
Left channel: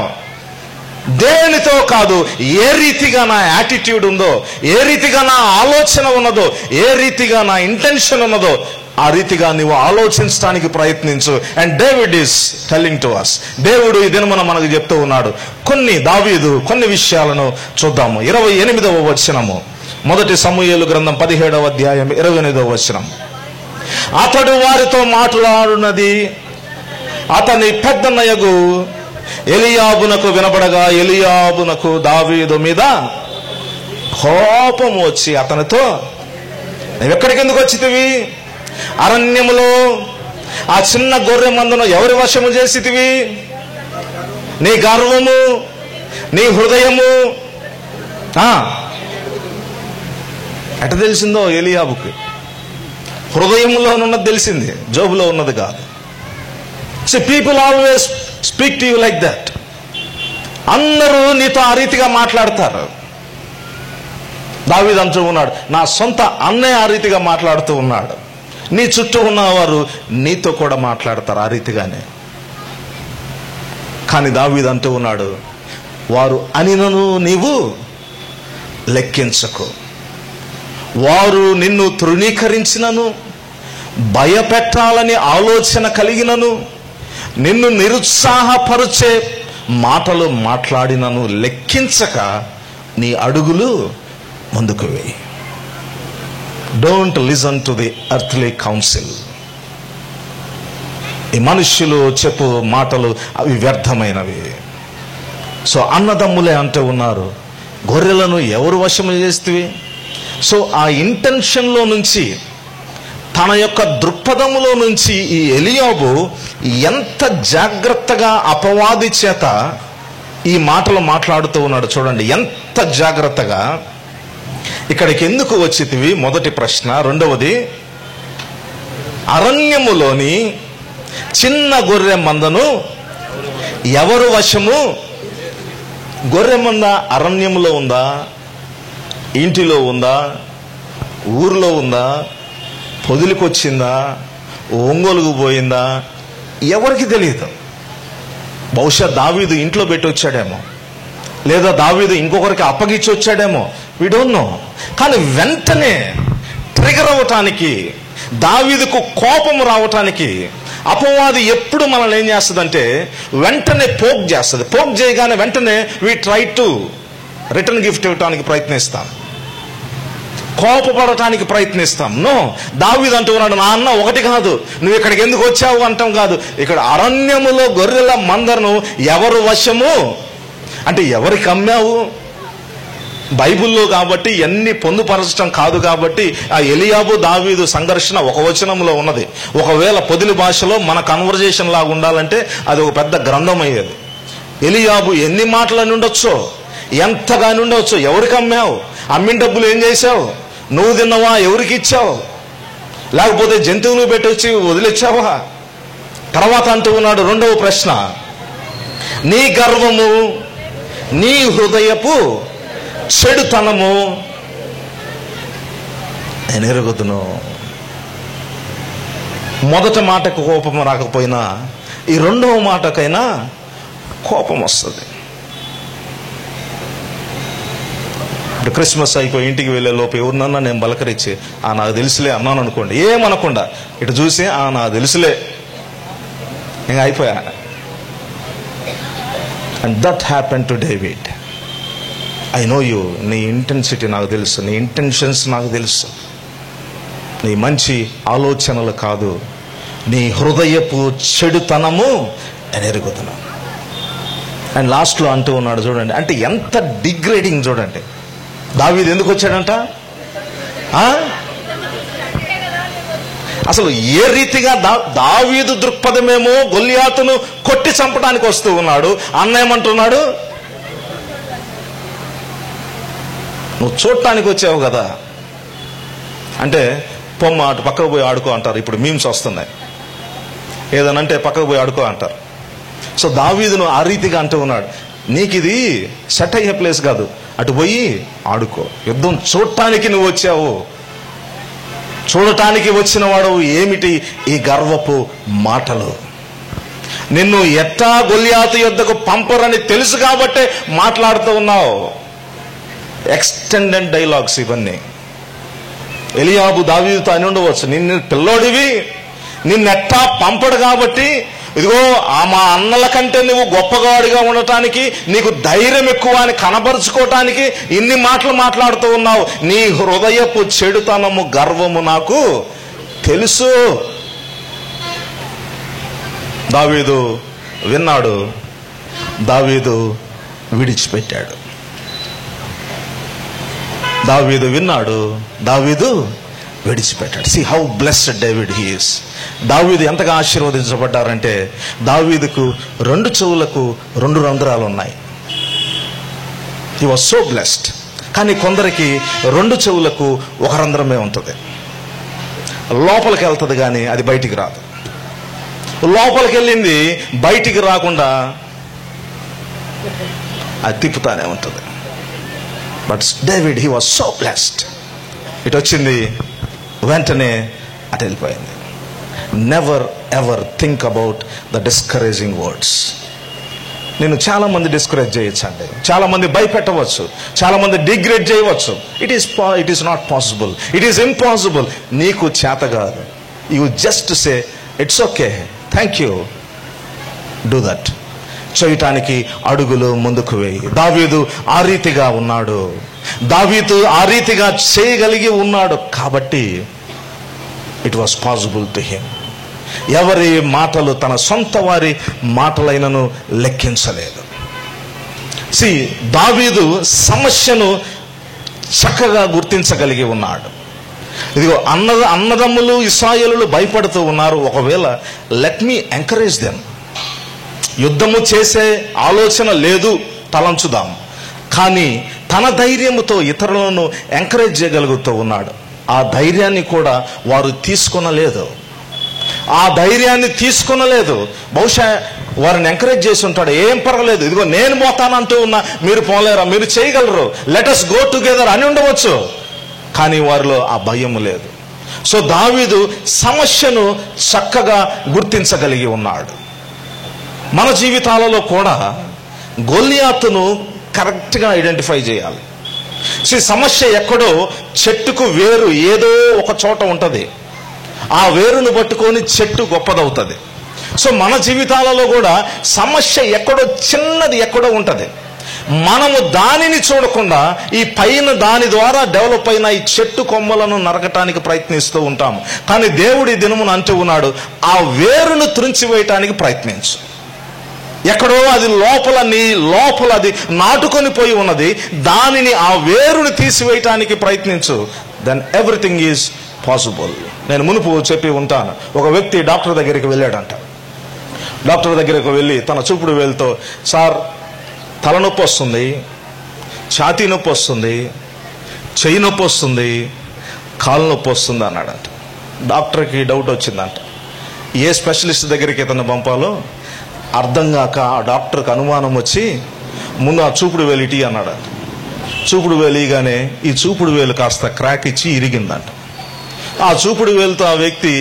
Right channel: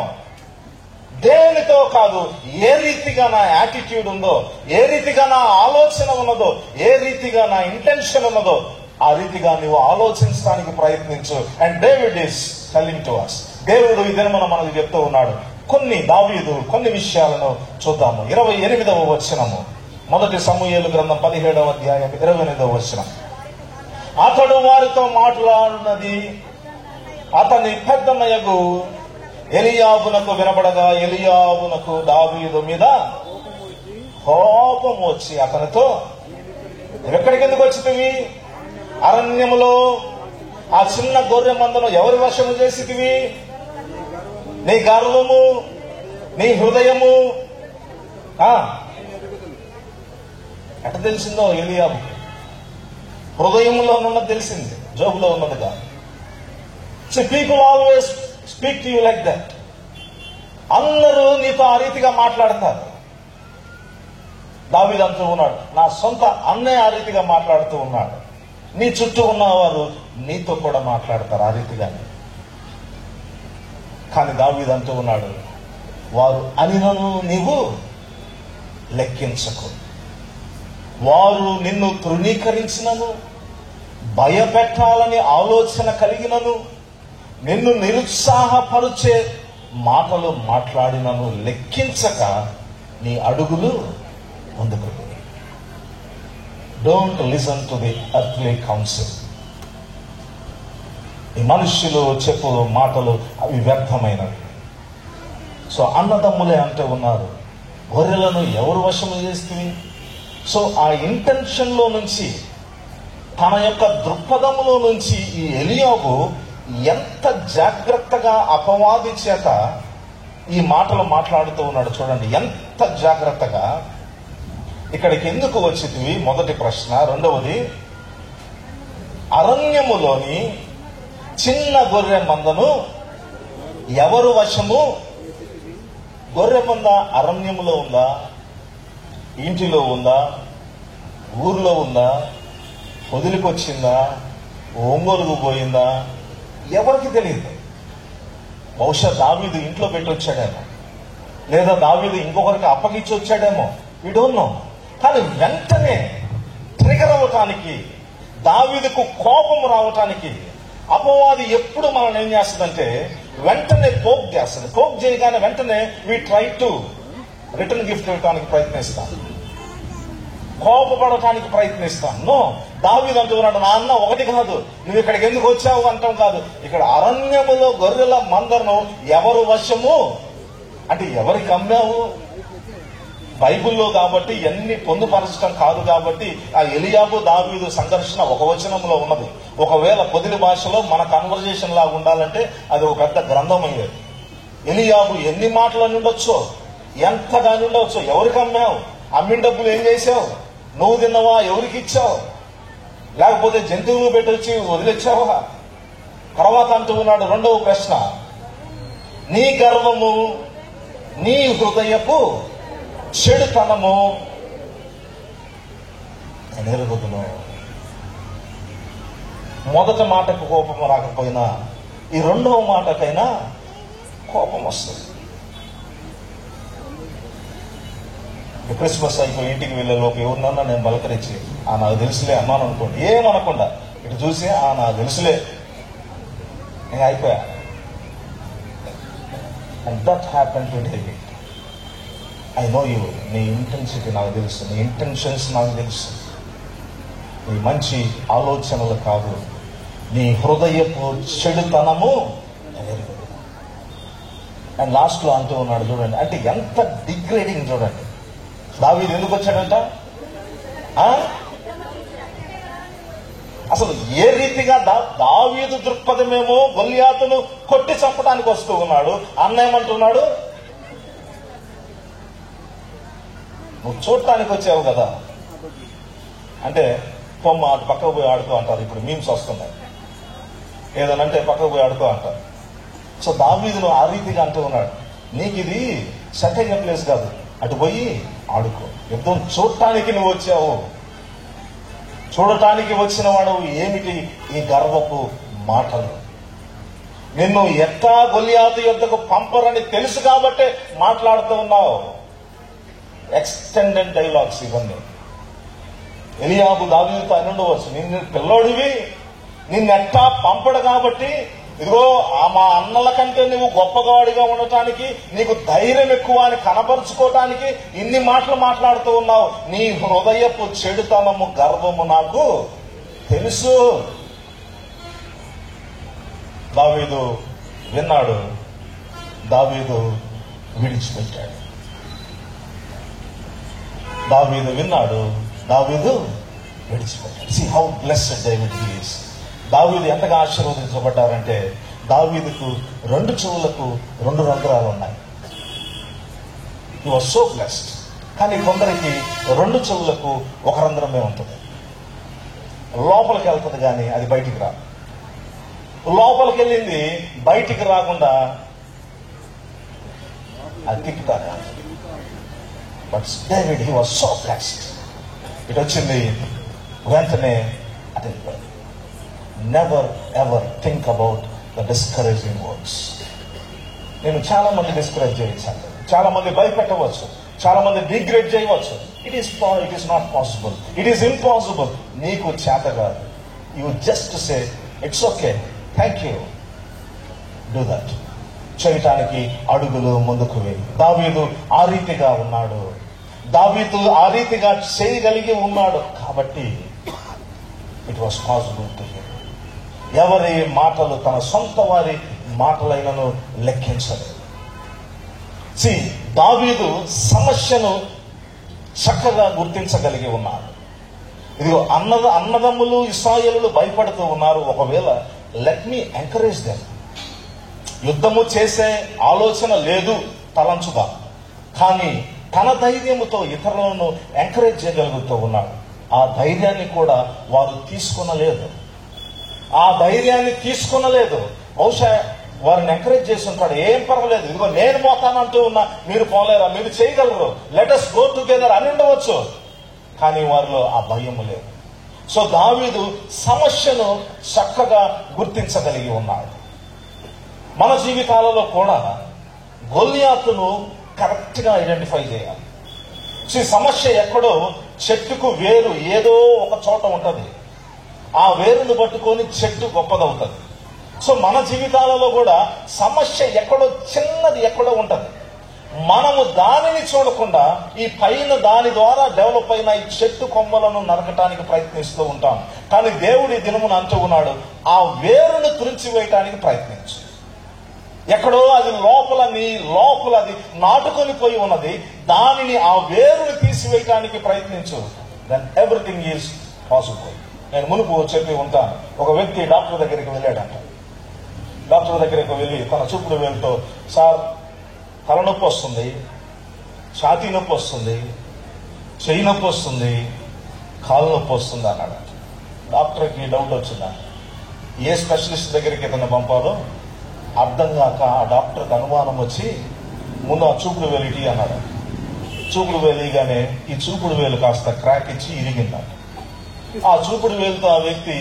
దేనితో కాదు, ఏ రీతిగా నా యాటిట్యూడ్ ఉందో, ఏ రీతిగా నా ఆలోచన ఉన్నదో, ఏ రీతిగా నా ఇంటెన్షన్ ఉన్నదో ఆ రీతిగా నీవు ఆలోచించడానికి ప్రయత్నించు. And David is telling to us. దేవుడు ఈ దినమున మనకు చెప్తూ ఉన్నాడు. దావీదు కొన్ని విషయాలను చూద్దాము. 28వ వచనము, 1 సమూయేలు గ్రంథం 17వ అధ్యాయం 28వ వచనం. అతడు వారితో మాట్లాడునది అతని పెద్దన్నయగు ఎలియాబునకు వినపడగా, ఎలియాబునకు దావీదు మీద కోపం వచ్చి అతనితో, నువ్వెక్కడికి ఎందుకు వచ్చితివి? అరణ్యములో ఆ చిన్న గొర్రె మందను ఎవరి వశము చేసితివి? నీ గర్వము, నీ హృదయము. ఎట తెలిసిందో ఎలియాబుకి? హృదయంలో ఉన్నది తెలిసింది, జోబులో ఉన్నది కాదు. So people always speak to you like that. అందరూ నీతో ఆ రీతిగా మాట్లాడతారు. దావీదు అంటూ ఉన్నాడు, నా సొంత అన్నయ్య ఆ రీతిగా మాట్లాడుతూ ఉన్నాడు. నీ చుట్టూ ఉన్నవారు నీతో కూడా మాట్లాడతారు ఆ రీతిగానే. కానీ దావీదు అంటూ ఉన్నాడు, వారు అనినను నీవు లెక్కించకు, వారు నిన్ను తృణీకరించినను, భయపెట్టాలని ఆలోచన కలిగినను, నిన్ను నిరుత్సాహపరిచే మాటలు మాట్లాడినను లెక్కించక నీ అడుగులు ముందుకు వేయి. Don't listen to the earthly council. ఈ మనుష్యులు చెప్పు మాటలు అవి వ్యర్థమైనవి. సో అన్నదమ్ములే అంటూ ఉన్నారు, గొర్రెలను ఎవరు వశము చేస్తేవి? సో ఆ ఇంటెన్షన్లో నుంచి, తన యొక్క దృక్పథములో నుంచి ఈ ఎలియాబు ఎంత జాగ్రత్తగా అపవాది చేత ఈ మాటలు మాట్లాడుతూ ఉన్నాడు. చూడండి ఎంత జాగ్రత్తగా. ఇక్కడికి ఎందుకు వచ్చితివి? మొదటి ప్రశ్న. రెండవది, అరణ్యములోని చిన్న గొర్రె మందను ఎవరు వశము? గొర్రె మంద అరణ్యములో ఉందా? ఇంటిలో ఉందా? ఊర్లో ఉందా? పొదిలికొచ్చిందా? ఒంగోలుకు పోయిందా? ఎవరికి తెలియదు. బహుశా దావీదు ఇంట్లో పెట్టి వచ్చాడేమో, లేదా దావీదు ఇంకొకరికి అప్పగించి వచ్చాడేమో, వి డోంట్ నో. కానీ వెంటనే ట్రిగర్ అవటానికి, దావీదుకు కోపం రావటానికి అపవాది ఎప్పుడు మనల్ని ఏం చేస్తుందంటే వెంటనే పోక్ చేస్తుంది. పోక్ చేయగానే వెంటనే we try to return gift ఇవ్వటానికి ప్రయత్నిస్తాం, కోపపడటానికి ప్రయత్నిస్తాం. నో, దావీదు అంటూ ఉన్నాడు, నా అన్న ఒకటి కాదు, నువ్వు ఇక్కడికి ఎందుకు వచ్చావు అంటాం కాదు. ఇక్కడ అరణ్యములో గొర్రెల మందను ఎవరు వశము అంటే ఎవరికి అమ్మావు? బైబిల్లో కాబట్టి ఎన్ని పొందుపరచడం కాదు కాబట్టి ఆ ఎలియాబు దావీదు సంఘర్షణ ఒక వచనంలో ఉన్నది. ఒకవేళ పొదిలి భాషలో మన కన్వర్జేషన్ లాగా ఉండాలంటే అది ఒక పెద్ద గ్రంథం అయ్యేది. ఎలియాబు ఎన్ని మాటలని ఉండొచ్చో, ఎంతగాని ఉండవచ్చు. ఎవరికి అమ్మావు? అమ్మిన డబ్బులు ఏం చేసావు? నువ్వు తిన్నావా? ఎవరికి ఇచ్చావు? లేకపోతే జంతువులు పెట్టొచ్చి వదిలిచ్చావా? తర్వాత అంటూ ఉన్నాడు రెండవ ప్రశ్న, నీ గర్వము, నీ హృదయపు చెడుతనము నేను ఎరుగుదును. మొదటి మాటకు కోపం రాకపోయినా ఈ రెండవ మాటకైనా కోపం వస్తుంది. ఇప్పుడు క్రిస్మస్ అయిపోయి ఇంటికి వెళ్ళే లోపు ఎవరినన్నా నేను బలకరించి నాకు తెలుసులే అన్నాను అనుకోండి, ఏమనకుండా ఇటు చూసి నాకు తెలుసులే, ఇంకా అయిపోయా. And that happen to David. I know you, నీ ఇంటెన్సిటీ నాకు తెలుసు, నీ ఇంటెన్షన్స్ నాకు తెలుసు, నీ మంచి ఆలోచనలు కాదు, నీ హృదయపు చెడుతనము నేను ఎరుగుతున్నాను. అండ్ లాస్ట్లో అంటూ ఉన్నాడు చూడండి, అంటే ఎంత డిగ్రేడింగ్ చూడండి. దావీదు ఎందుకు వచ్చాడంట? అసలు ఏ రీతిగా దావీదు దృక్పథమేమో గొల్లియాతును కొట్టి చంపడానికి వస్తూ ఉన్నాడు. అన్న ఏమంటున్నాడు? నువ్వు చూడటానికి వచ్చావు కదా, అంటే పొమ్మ అటు పక్కకు పోయి ఆడుకో అంటారు. ఇప్పుడు మీమ్స్ వస్తున్నాయి, ఏదనంటే పక్కకు పోయి ఆడుకో అంటారు. సో దావీదును ఆ రీతిగా అంటూ ఉన్నాడు, నీకు ఇది సెట్ అయ్యే ప్లేస్ కాదు, అటు పోయి ఆడుకో. యుద్ధం చూడటానికి నువ్వు వచ్చావు, చూడటానికి వచ్చిన వాడు ఏమిటి ఈ గర్వపు మాటలు? నిన్ను ఎట్టా గొల్లియాతు యుద్ధకు పంపరని తెలుసు కాబట్టే మాట్లాడుతూ ఉన్నావు. ఎక్స్టెండెడ్ డైలాగ్స్ ఇవన్నీ. ఎలియాబు దావీదుతో అని ఉండవచ్చు, నిన్ను పిల్లోడివి, నిన్నెట్టా పంపడు కాబట్టి ఇదిగో మా అన్నల కంటే నువ్వు గొప్పగాడిగా ఉండటానికి, నీకు ధైర్యం ఎక్కువ అని కనబరుచుకోవటానికి ఇన్ని మాటలు మాట్లాడుతూ ఉన్నావు. నీ హృదయపు చెడుతనము, గర్వము నాకు తెలుసు. దావీదు విన్నాడు, దావీదు విడిచిపెట్టాడు. దావీదు విన్నాడు, దావీదు విడిచిపెట్టాడు. See how blessed David he is. దావీదు ఎంతగా ఆశీర్వదించబడ్డారంటే, దావీదుకు 2 చెవులకు 2 రంధ్రాలు ఉన్నాయి. He was so blessed. కానీ కొందరికి 2 చెవులకు 1 రంధ్రమే ఉంటుంది. లోపలికి వెళ్తుంది కానీ అది బయటికి రాదు. లోపలికి వెళ్ళింది బయటికి రాకుండా అది తిప్పుతానే ఉంటుంది. But David he was so blessed. ఇటు వచ్చింది వెంటనే అటు వెళ్ళిపోయింది. Never ever think about the discouraging words. నేను చాలా మంది డిస్కరేజ్ చేయొచ్చు అండి, చాలా మంది భయపెట్టవచ్చు, చాలా మంది డిగ్రేడ్ చేయవచ్చు. It is not possible, it is impossible. నీకు చేత కాదు. You just say it's okay, thank you, do that. చేయటానికి అడుగులు ముందుకు వేయి. దావీదు ఆ రీతిగా ఉన్నాడు, దావీదు ఆ రీతిగా చేయగలిగి ఉన్నాడు కాబట్టి it was possible to him. ఎవరి మాటలు తన సొంత వారి మాటలైనను లెక్కించలేదు. దావీదు సమస్యను చక్కగా గుర్తించగలిగి ఉన్నాడు. ఇదిగో అన్నదమ్ములు ఇశ్రాయేలులు భయపడుతూ ఉన్నారు, ఒకవేళ లెట్ మీ ఎంకరేజ్ దెమ్. యుద్ధము చేసే ఆలోచన లేదు, తలంచుదాం. కానీ తన ధైర్యముతో ఇతరులను ఎంకరేజ్ చేయగలుగుతూ ఉన్నాడు. ఆ ధైర్యాన్ని కూడా వారు తీసుకొనలేదు. బహుశా వారిని ఎంకరేజ్ చేసి ఉంటాడు, ఏం పర్వాలేదు, ఇదిగో నేను పోతానంటూ ఉన్నా, మీరు పోలేరా, మీరు చేయగలరు, లెట్ us గో టుగెదర్ అని ఉండవచ్చు. కానీ వారిలో ఆ భయం లేదు. సో దావీదు సమస్యను చక్కగా గుర్తించగలిగి ఉన్నాడు. మన జీవితాలలో కూడా గొల్లియాతును కరెక్ట్గా ఐడెంటిఫై చేయాలి. సమస్య ఎక్కడో చెట్టుకు వేరు ఏదో ఒక చోట ఉంటుంది, ఆ వేరును పట్టుకొని చెట్టు గొప్పదవుతుంది. సో మన జీవితాలలో కూడా సమస్య ఎక్కడో చిన్నది ఎక్కడో ఉంటుంది. మనము దానిని చూడకుండా ఈ పైన దాని ద్వారా డెవలప్ అయిన ఈ చెట్టు కొమ్మలను నరకటానికి ప్రయత్నిస్తూ ఉంటాము. కానీ దేవుడి దినమును అంటూ ఉన్నాడు, ఆ వేరును త్రుంచివేయటానికి ప్రయత్నించు. ఎక్కడో అది లోపల అది నాటుకొని పోయి ఉన్నది. దానిని, ఆ వేరుని తీసివేయటానికి ప్రయత్నించు. Then everything is possible. నేను మునుపు చెప్పి ఉంటాను, ఒక వ్యక్తి డాక్టర్ దగ్గరికి వెళ్ళాడంట. డాక్టర్ దగ్గరికి వెళ్ళి తన చూపుడు వేలుతో, సార్ తలనొప్పి వస్తుంది, ఛాతీ నొప్పి వస్తుంది, చెయ్యి నొప్పి వస్తుంది, కాలు నొప్పి వస్తుంది అన్నాడంట. డాక్టర్కి డౌట్ వచ్చిందంట, ఏ స్పెషలిస్ట్ దగ్గరికి ఇతను పంపాలో అర్థం కాక ఆ డాక్టర్కి అనుమానం వచ్చి ముందు ఆ చూపుడు వేలు ఇటీ అన్నాడంట. చూపుడు వేలిగానే ఈ చూపుడు వేలు కాస్త క్రాక్ ఇచ్చి ఇరిగిందంట. ఆ చూపుడు వేలుతో ఆ వ్యక్తి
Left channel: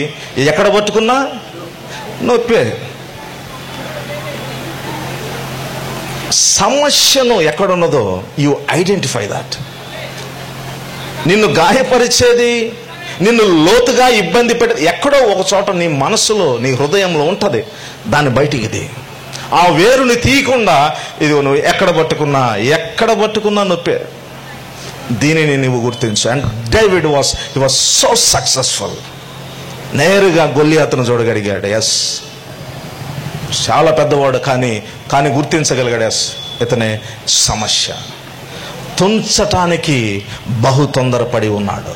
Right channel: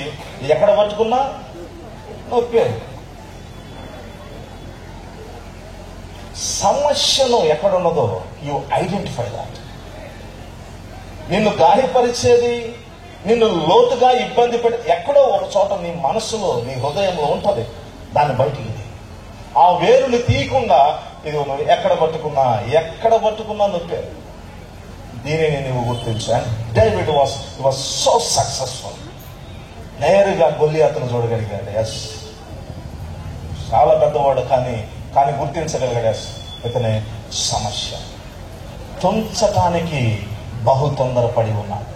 ఎక్కడ పట్టుకున్నా నొప్పే. సమస్యను ఎక్కడున్నదో యు ఐడెంటిఫై దాట్. నిన్ను గాయపరిచేది, నిన్ను లోతుగా ఇబ్బంది పెట్టేది ఎక్కడో ఒక చోట నీ మనసులో, నీ హృదయంలో ఉంటుంది. దాన్ని బయటికి ది. ఆ వేరుని తీయకుండా ఇది నువ్వు ఎక్కడ పట్టుకున్నా నొప్పే. దీనిని నువ్వు గుర్తించు. And David was so successful. నేరుగా గొల్లియాతును చూడగలిగాడు. ఎస్, చాలా పెద్దవాడు, కానీ గుర్తించగలిగాడు. ఎస్, ఇతనే సమస్య. తుంచటానికి బహు తొందరపడి ఉన్నాడు,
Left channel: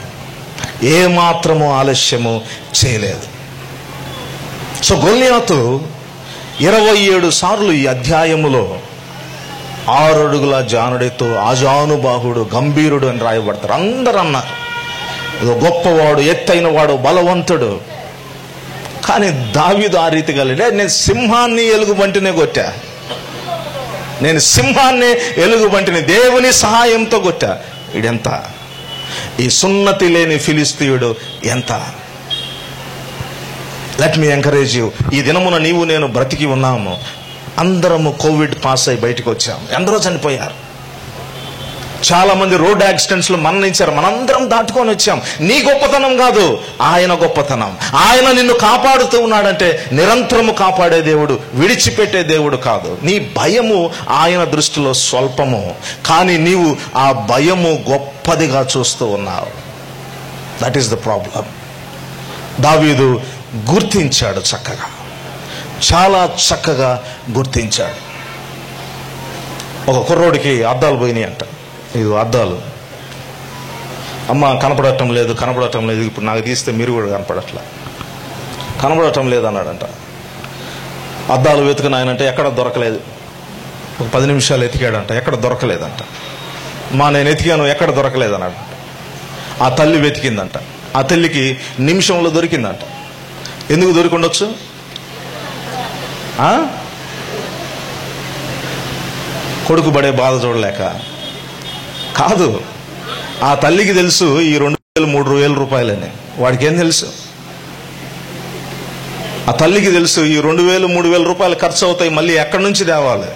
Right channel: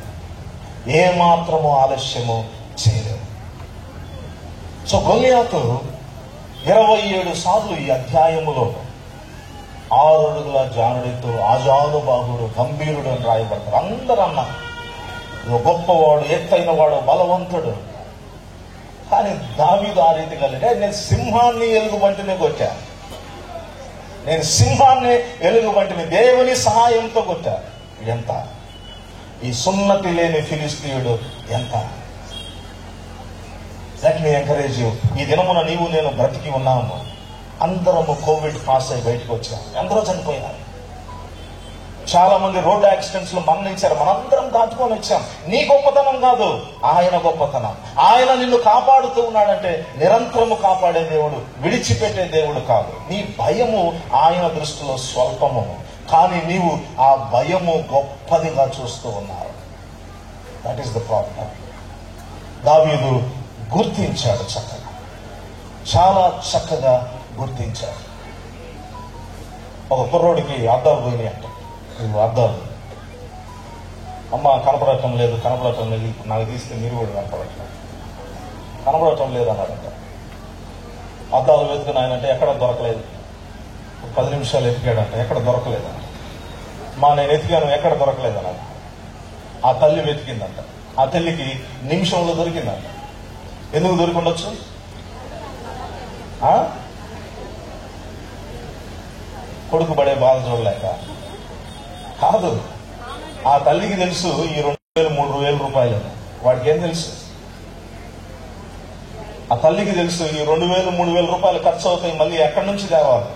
ఏమాత్రము ఆలస్యము చేయలేదు. సో గొల్లియాతు 27 సార్లు ఈ అధ్యాయములో 6 అడుగుల జానుడితో ఆజానుబాహుడు, గంభీరుడు అని రాయబడతారు. అందరూ అన్నారు గొప్పవాడు, ఎత్తైన వాడు, బలవంతుడు. కానీ దావీదు ఆ రీతిగా లేడు. నేను సింహాన్ని ఎలుగుబంటినే కొట్టా, దేవుని సహాయంతో కొట్టా. ఇడెంత, ఈ సున్నతి లేని ఫిలిస్తీయుడు ఎంత. Let me encourage you. ఈ దినమున నీవు నేను బ్రతికి ఉన్నాము. అందరము కోవిడ్ పాస్ అయి బయటకు వచ్చాము. ఎందరో చనిపోయారు, చాలా మంది రోడ్ యాక్సిడెంట్స్ లో మరణించారు. మనందరం దాటుకొని వచ్చాం. నీ గొప్పతనం కాదు, ఆయన గొప్పతనం. ఆయన నిన్ను కాపాడుతూ ఉన్నాడంటే నిరంతరము కాపాడే దేవుడు, విడిచిపెట్టే దేవుడు కాదు. నీ భయము ఆయన దృష్టిలో స్వల్పము, కానీ నీవు ఆ భయము గొప్పదిగా చూస్తూ ఉన్నావు. That is the problem. దావీదు గుర్తించాడు చక్కగా, చాలా చక్కగా గుర్తించాడు. ఒక కుర్రోడికి అద్దాలు పోయినాయి అంట. ఇది అద్దాలు, అమ్మ కనపడటం లేదు, ఇప్పుడు నాకు తీస్తే మీరు కూడా కనపడటం లేదు అన్నాడంట. అద్దాలు వెతుకుని ఆయనంటే ఎక్కడ దొరకలేదు. ఒక 10 నిమిషాలు ఎతికాడంట, ఎక్కడ దొరకలేదంట. నేను ఎతికాను, ఎక్కడ దొరకలేదన్నాడు. ఆ తల్లి వెతికిందంట. ఆ తల్లికి నిమిషంలో దొరికిందంట. ఎందుకు దొరికి ఉండొచ్చు? కొడుకు పడే బాధ చూడలేక కాదు. ఆ తల్లికి తెలుసు ఈ 2,000-3,000 రూపాయలని. వాడికి ఏం తెలుసు? ఆ తల్లికి తెలుసు ఈ 2,000-3,000 రూపాయలు ఖర్చు అవుతాయి, మళ్ళీ ఎక్కడి నుంచి తేవాలి.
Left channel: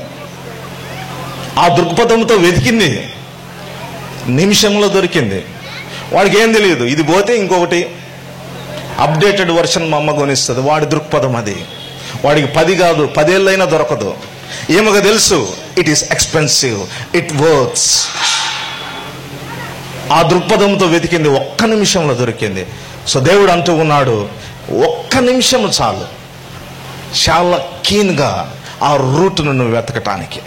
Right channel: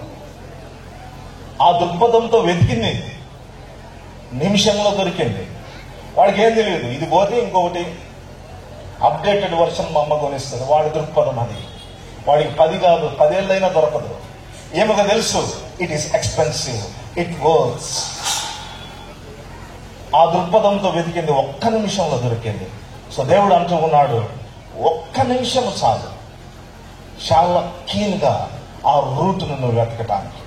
ఆ దృక్పథంతో వెతికింది, నిమిషంలో దొరికింది. వాడికి ఏం తెలియదు, ఇది పోతే ఇంకొకటి అప్డేటెడ్ వర్షన్ మా అమ్మ కొనిస్తుంది. వాడి దృక్పథం అది. వాడికి 10 కాదు 10 ఏళ్ళైనా దొరకదు. ఏమగా తెలుసు, it is expensive, it works. ఆ దృక్పథంతో వెతికింది, ఒక్క నిమిషంలో దొరికింది. సో దేవుడు అంటూ ఉన్నాడు, ఒక్క నిమిషం చాలు చాలా కీన్గా ఆ రూట్ను నువ్వు వెతకటానికి.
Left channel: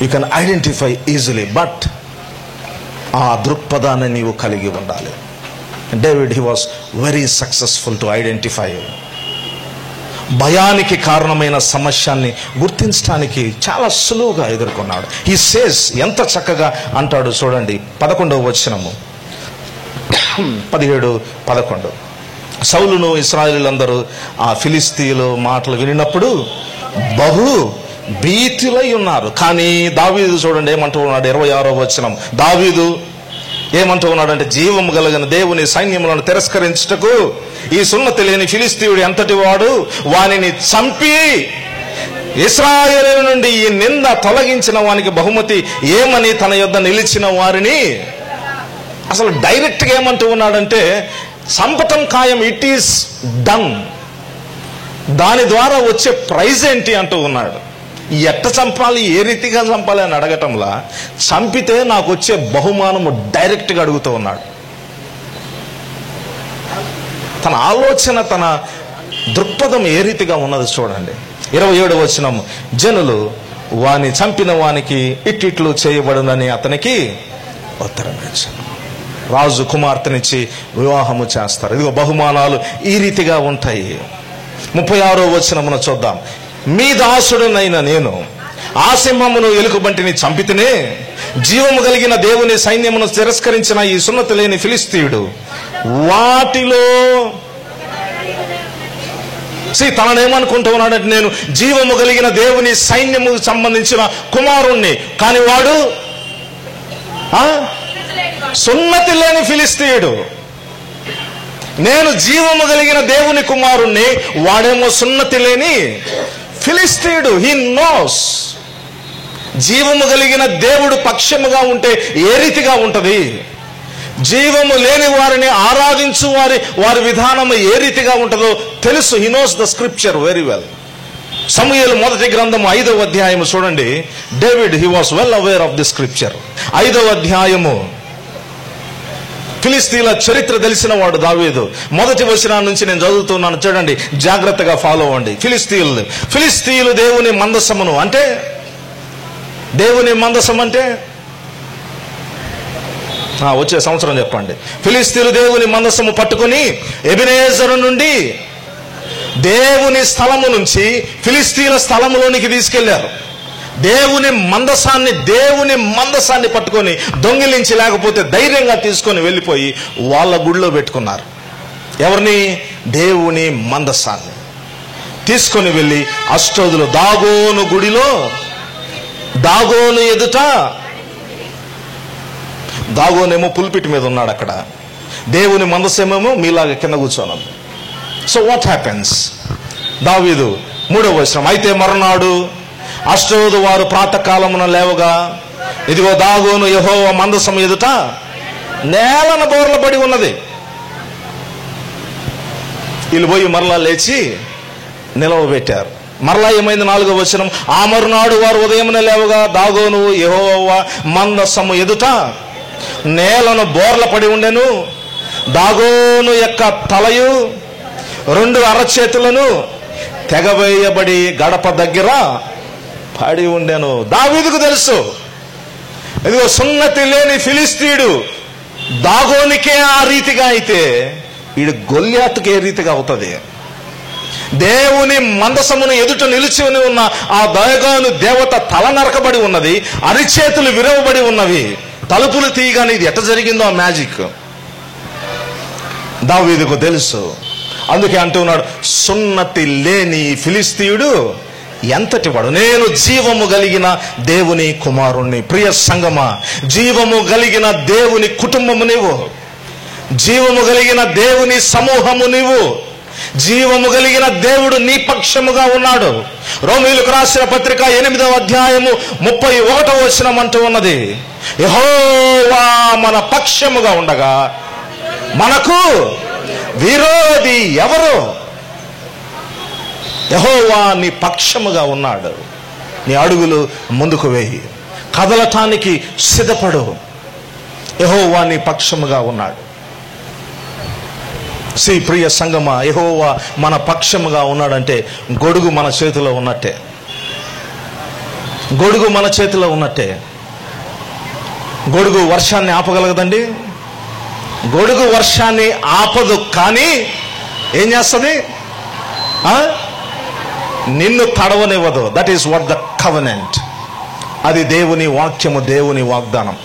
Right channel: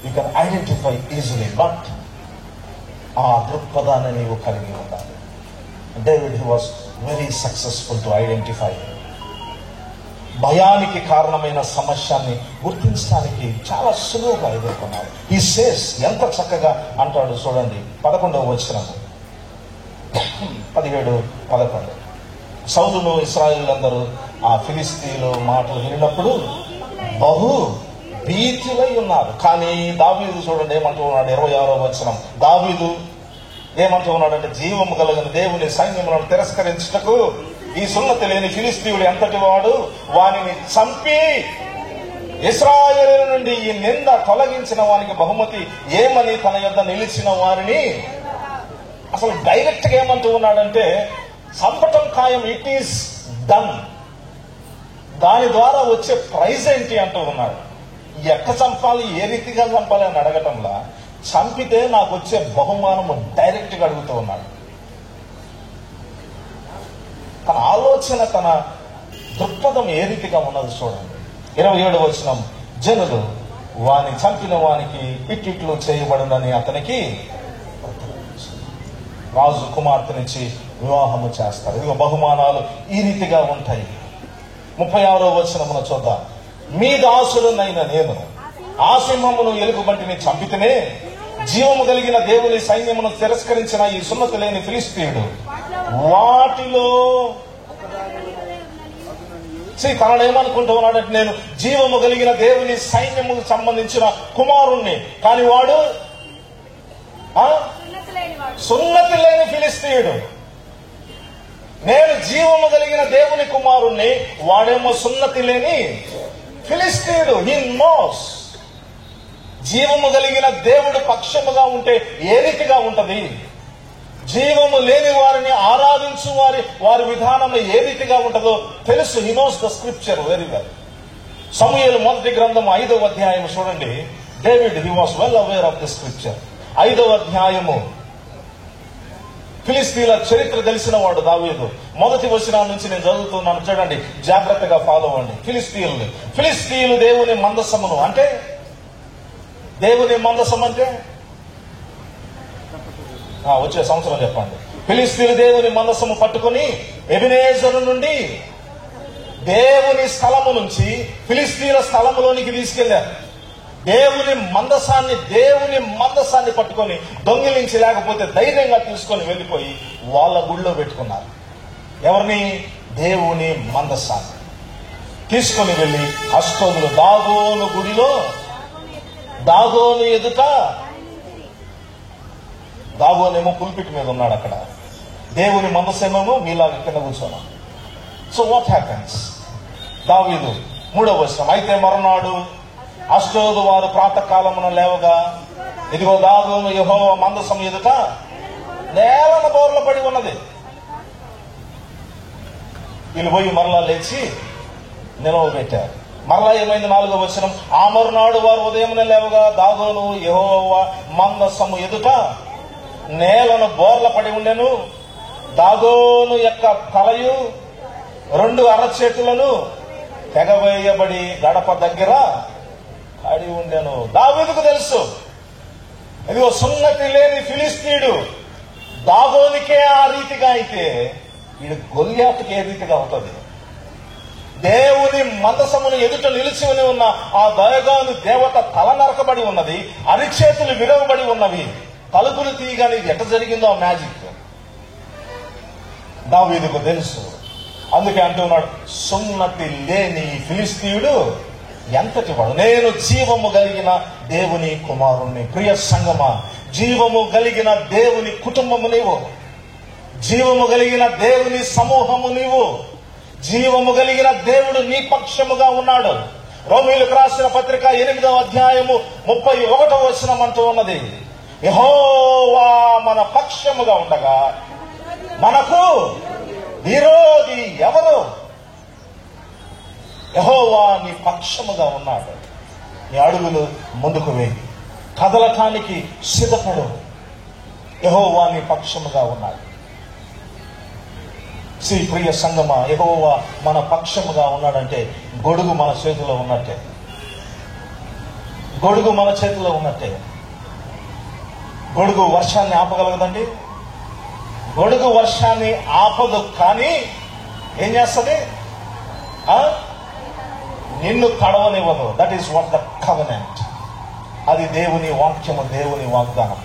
You can identify easily, but ఆ దృక్పథాన్ని నీవు కలిగి ఉండాలి. David, he was very successful to identify. భయానికి కారణమైన సమస్యల్ని గుర్తించడానికి చాలా సులువుగా ఎదుర్కొన్నాడు. హీ సేస్, ఎంత చక్కగా అంటాడు చూడండి, 11వ వచనము, 17-11. సౌలును ఇశ్రాయేలీయులందరూ ఆ ఫిలిస్తీయుల మాటలు వినినప్పుడు బహు భీతులై ఉన్నారు. కానీ దావీదు చూడండి ఏమంటూ ఉన్నాడు, 26వ వచనం. దావీదు ఏమంటూ ఉన్నాడంటే, జీవము కలిగిన దేవుని సైన్యములను తిరస్కరించుటకు ఈ సున్నతి లేని ఫిలిస్తీయుడు ఎంతటి వాడు, వానిని చంపి ఇశ్రాయేలు నుండి ఈ నింద తొలగించిన వానికి బహుమతి ఏమని తన యొద్ద నిలిచిన వారిని. అసలు డైరెక్ట్ గా ఏమంటూ ఉన్నాడంటే, చంపటం ఖాయం, ఇట్ ఈస్ డన్. దాని ద్వారా వచ్చే ప్రైజ్ ఏంటి అంటూ ఉన్నాడు. ఎట్ట చంపాలి, ఏ రీతిగా చంపాలి అని అడగటంలా, చంపితే నాకు వచ్చే బహుమానము డైరెక్ట్ గా అడుగుతూ ఉన్నాడు. తన ఆలోచన, తన దృక్పథం ఏ రీతిగా ఉన్నది చూడండి. 27వ వచనం, జనులు వాని చంపిన వానికి ఇట్టిట్లు చేయబడునని అతనికి ఉత్తరం ఇచ్చారు. రాజు కుమార్తెనిచ్చి వివాహము చేస్తారు. ఇదిగో బహుమానాలు ఈ రీతిగా ఉంటాయి. 36వ వచనమును చూద్దాం. మీ దాసుడునైన నేను ఆ సింహమును ఎలుగుబంటిని చంపితేనే జీవము కలిగిన దేవుని సైన్యమును తిరస్కరించిన ఈ సున్నతి లేని ఫిలిస్తీయుడు వాటిలో తానేమనుకుంటూ ఉన్నాడంటే, నేను జీవము కలిగిన దేవుని సైన్యముకు సంబంధించిన కుమారుణ్ణి, కానీ వాడు సున్నతి లేని ఫిలిస్తీయుడు. నేను జీవము కలిగిన దేవుని కుమారుణ్ణి, వాడేమో సున్నతి లేని ఫిలిస్తీయుడు. He knows. జీవము కలిగిన దేవుడు పక్షముగా ఉంటే ఏ రీతిగా ఉంటది, జీవము లేని వారిని ఆరాధించు వారి విధానం ఏ రీతిగా ఉంటుందో తెలుసు. He knows the scripture very well. సమూయేలు మొదటి గ్రంథం 5వ అధ్యాయము చూడండి. David he was well aware of the scripture. 5వ అధ్యాయము. ఫిలిస్తీన్ల చరిత్ర తెలిసిన వాడు దావీదు. మొదటి వచనం నుంచి నేను చదువుతున్నాను, చూడండి, జాగ్రత్తగా ఫాలో అవ్వండి. ఫిలిస్తీన్లు దేవుని మందసమును, అంటే దేవుని మందసం అంటే వచ్చే సంవత్సరం చెప్పండి. ఫిలిస్తీన్లు దేవుని మందసము పట్టుకుని ఎబెనేజరు నుండి దేవుని స్థలము నుంచి ఫిలిస్తీన్ల స్థలములోనికి తీసుకెళ్లారు. దేవుని మందసాన్ని పట్టుకొని దొంగిలించి, లేకపోతే ధైర్యంగా తీసుకొని వెళ్ళిపోయి వాళ్ళ గుడిలో పెట్టుకున్నారు. ఎవరిని? దేవుని మందసాన్ని తీసుకొని వెళ్ళి అష్టోదులు దాగోను గుడిలో, దాగోను ఎదుట, దాగోనేమో పుల్పిట్ మీద ఉన్నాడు అక్కడ, దేవుని మందసమేమో మీలాగా కింద కూర్చోను. So what happens? దావీదు 3వ వచనం, అయితే మరునాడు అష్టోదు వారు ప్రాతకాలమున లేవగా, ఇదిగో దాగోను యెహోవా మందసం ఎదుట నేలన బోర్ల పడి ఉన్నది. వీళ్ళు పోయి మరలా లేచి నిలవబెట్టారు. మరలా ఏమైంది? 4వ వచనం, ఆ మరునాడు వారు ఉదయమున లేవగా దాగోను యెహోవా మందసము ఎదుట నేలను బోర్ల పడి ఉండెను. దాగోను యొక్క తలయు 2 అరచేతులను తెగవేయబడి గడప దగ్గర పడి ఉండెను. దావీదుకు తెలుసు, ఇదిగో సున్నతి లేని ఫిలిస్తీయుడు దాగోనికే ఆ రీతిగా అయితే వీడు గొల్యాతుకి ఏ రీతిగా అవుతుంది. దేవుని మందసమును ఎదుట నిలిచి ఉన్న ఆ దాగోను దేవత తల నరకబడి ఉన్నది, అరిచేతులు విరవబడి ఉన్నవి, తలుపులు తీయగానే ఇది ఎట్ట జరిగిందో ఆ మ్యాజిక్ దావీదుకు తెలుసు. అందుకే అంటున్నాడు, సున్నతి లేని ఫిలిస్తీయుడు ఎంతటి వాడు, నేను జీవము కలిగిన దేవుని కుమారుణ్ణి. ప్రియ సంగమా, జీవము కలిగిన దేవుని కుటుంబము నీవు, జీవము కలిగిన దేవుని సమూహము నీవు, జీవము కలిగిన దేవుడు నీ పక్షముగా ఉన్నాడు. రోమీయులకు రాసిన పత్రిక 8వ అధ్యాయము 31వ వచనం అంటూ ఉన్నది, యెహోవా మన పక్షముగా ఉండగా మనకు విరోధి ఎవరు? యెహోవా నీ పక్షముగా ఉన్నాడు. నీ అడుగులు ముందుకు వేయి, కదలటానికి సిద్ధపడు. యెహోవా నీ పక్షముగా ఉన్నాడు. ప్రియ సంగమా, యెహోవా మన పక్షముగా ఉన్నాడంటే గొడుగు మన చేతిలో ఉన్నట్టే. గొడుగు మన చేతిలో ఉన్నట్టే. గొడుగు వర్షాన్ని ఆపగలగదండి. గొడుగు వర్షాన్ని ఆపదు, కానీ ఏం చేస్తుంది? నిన్ను తడవనివ్వదు. That is what the covenant. అది దేవుని వాక్యము, దేవుని వాగ్దానం.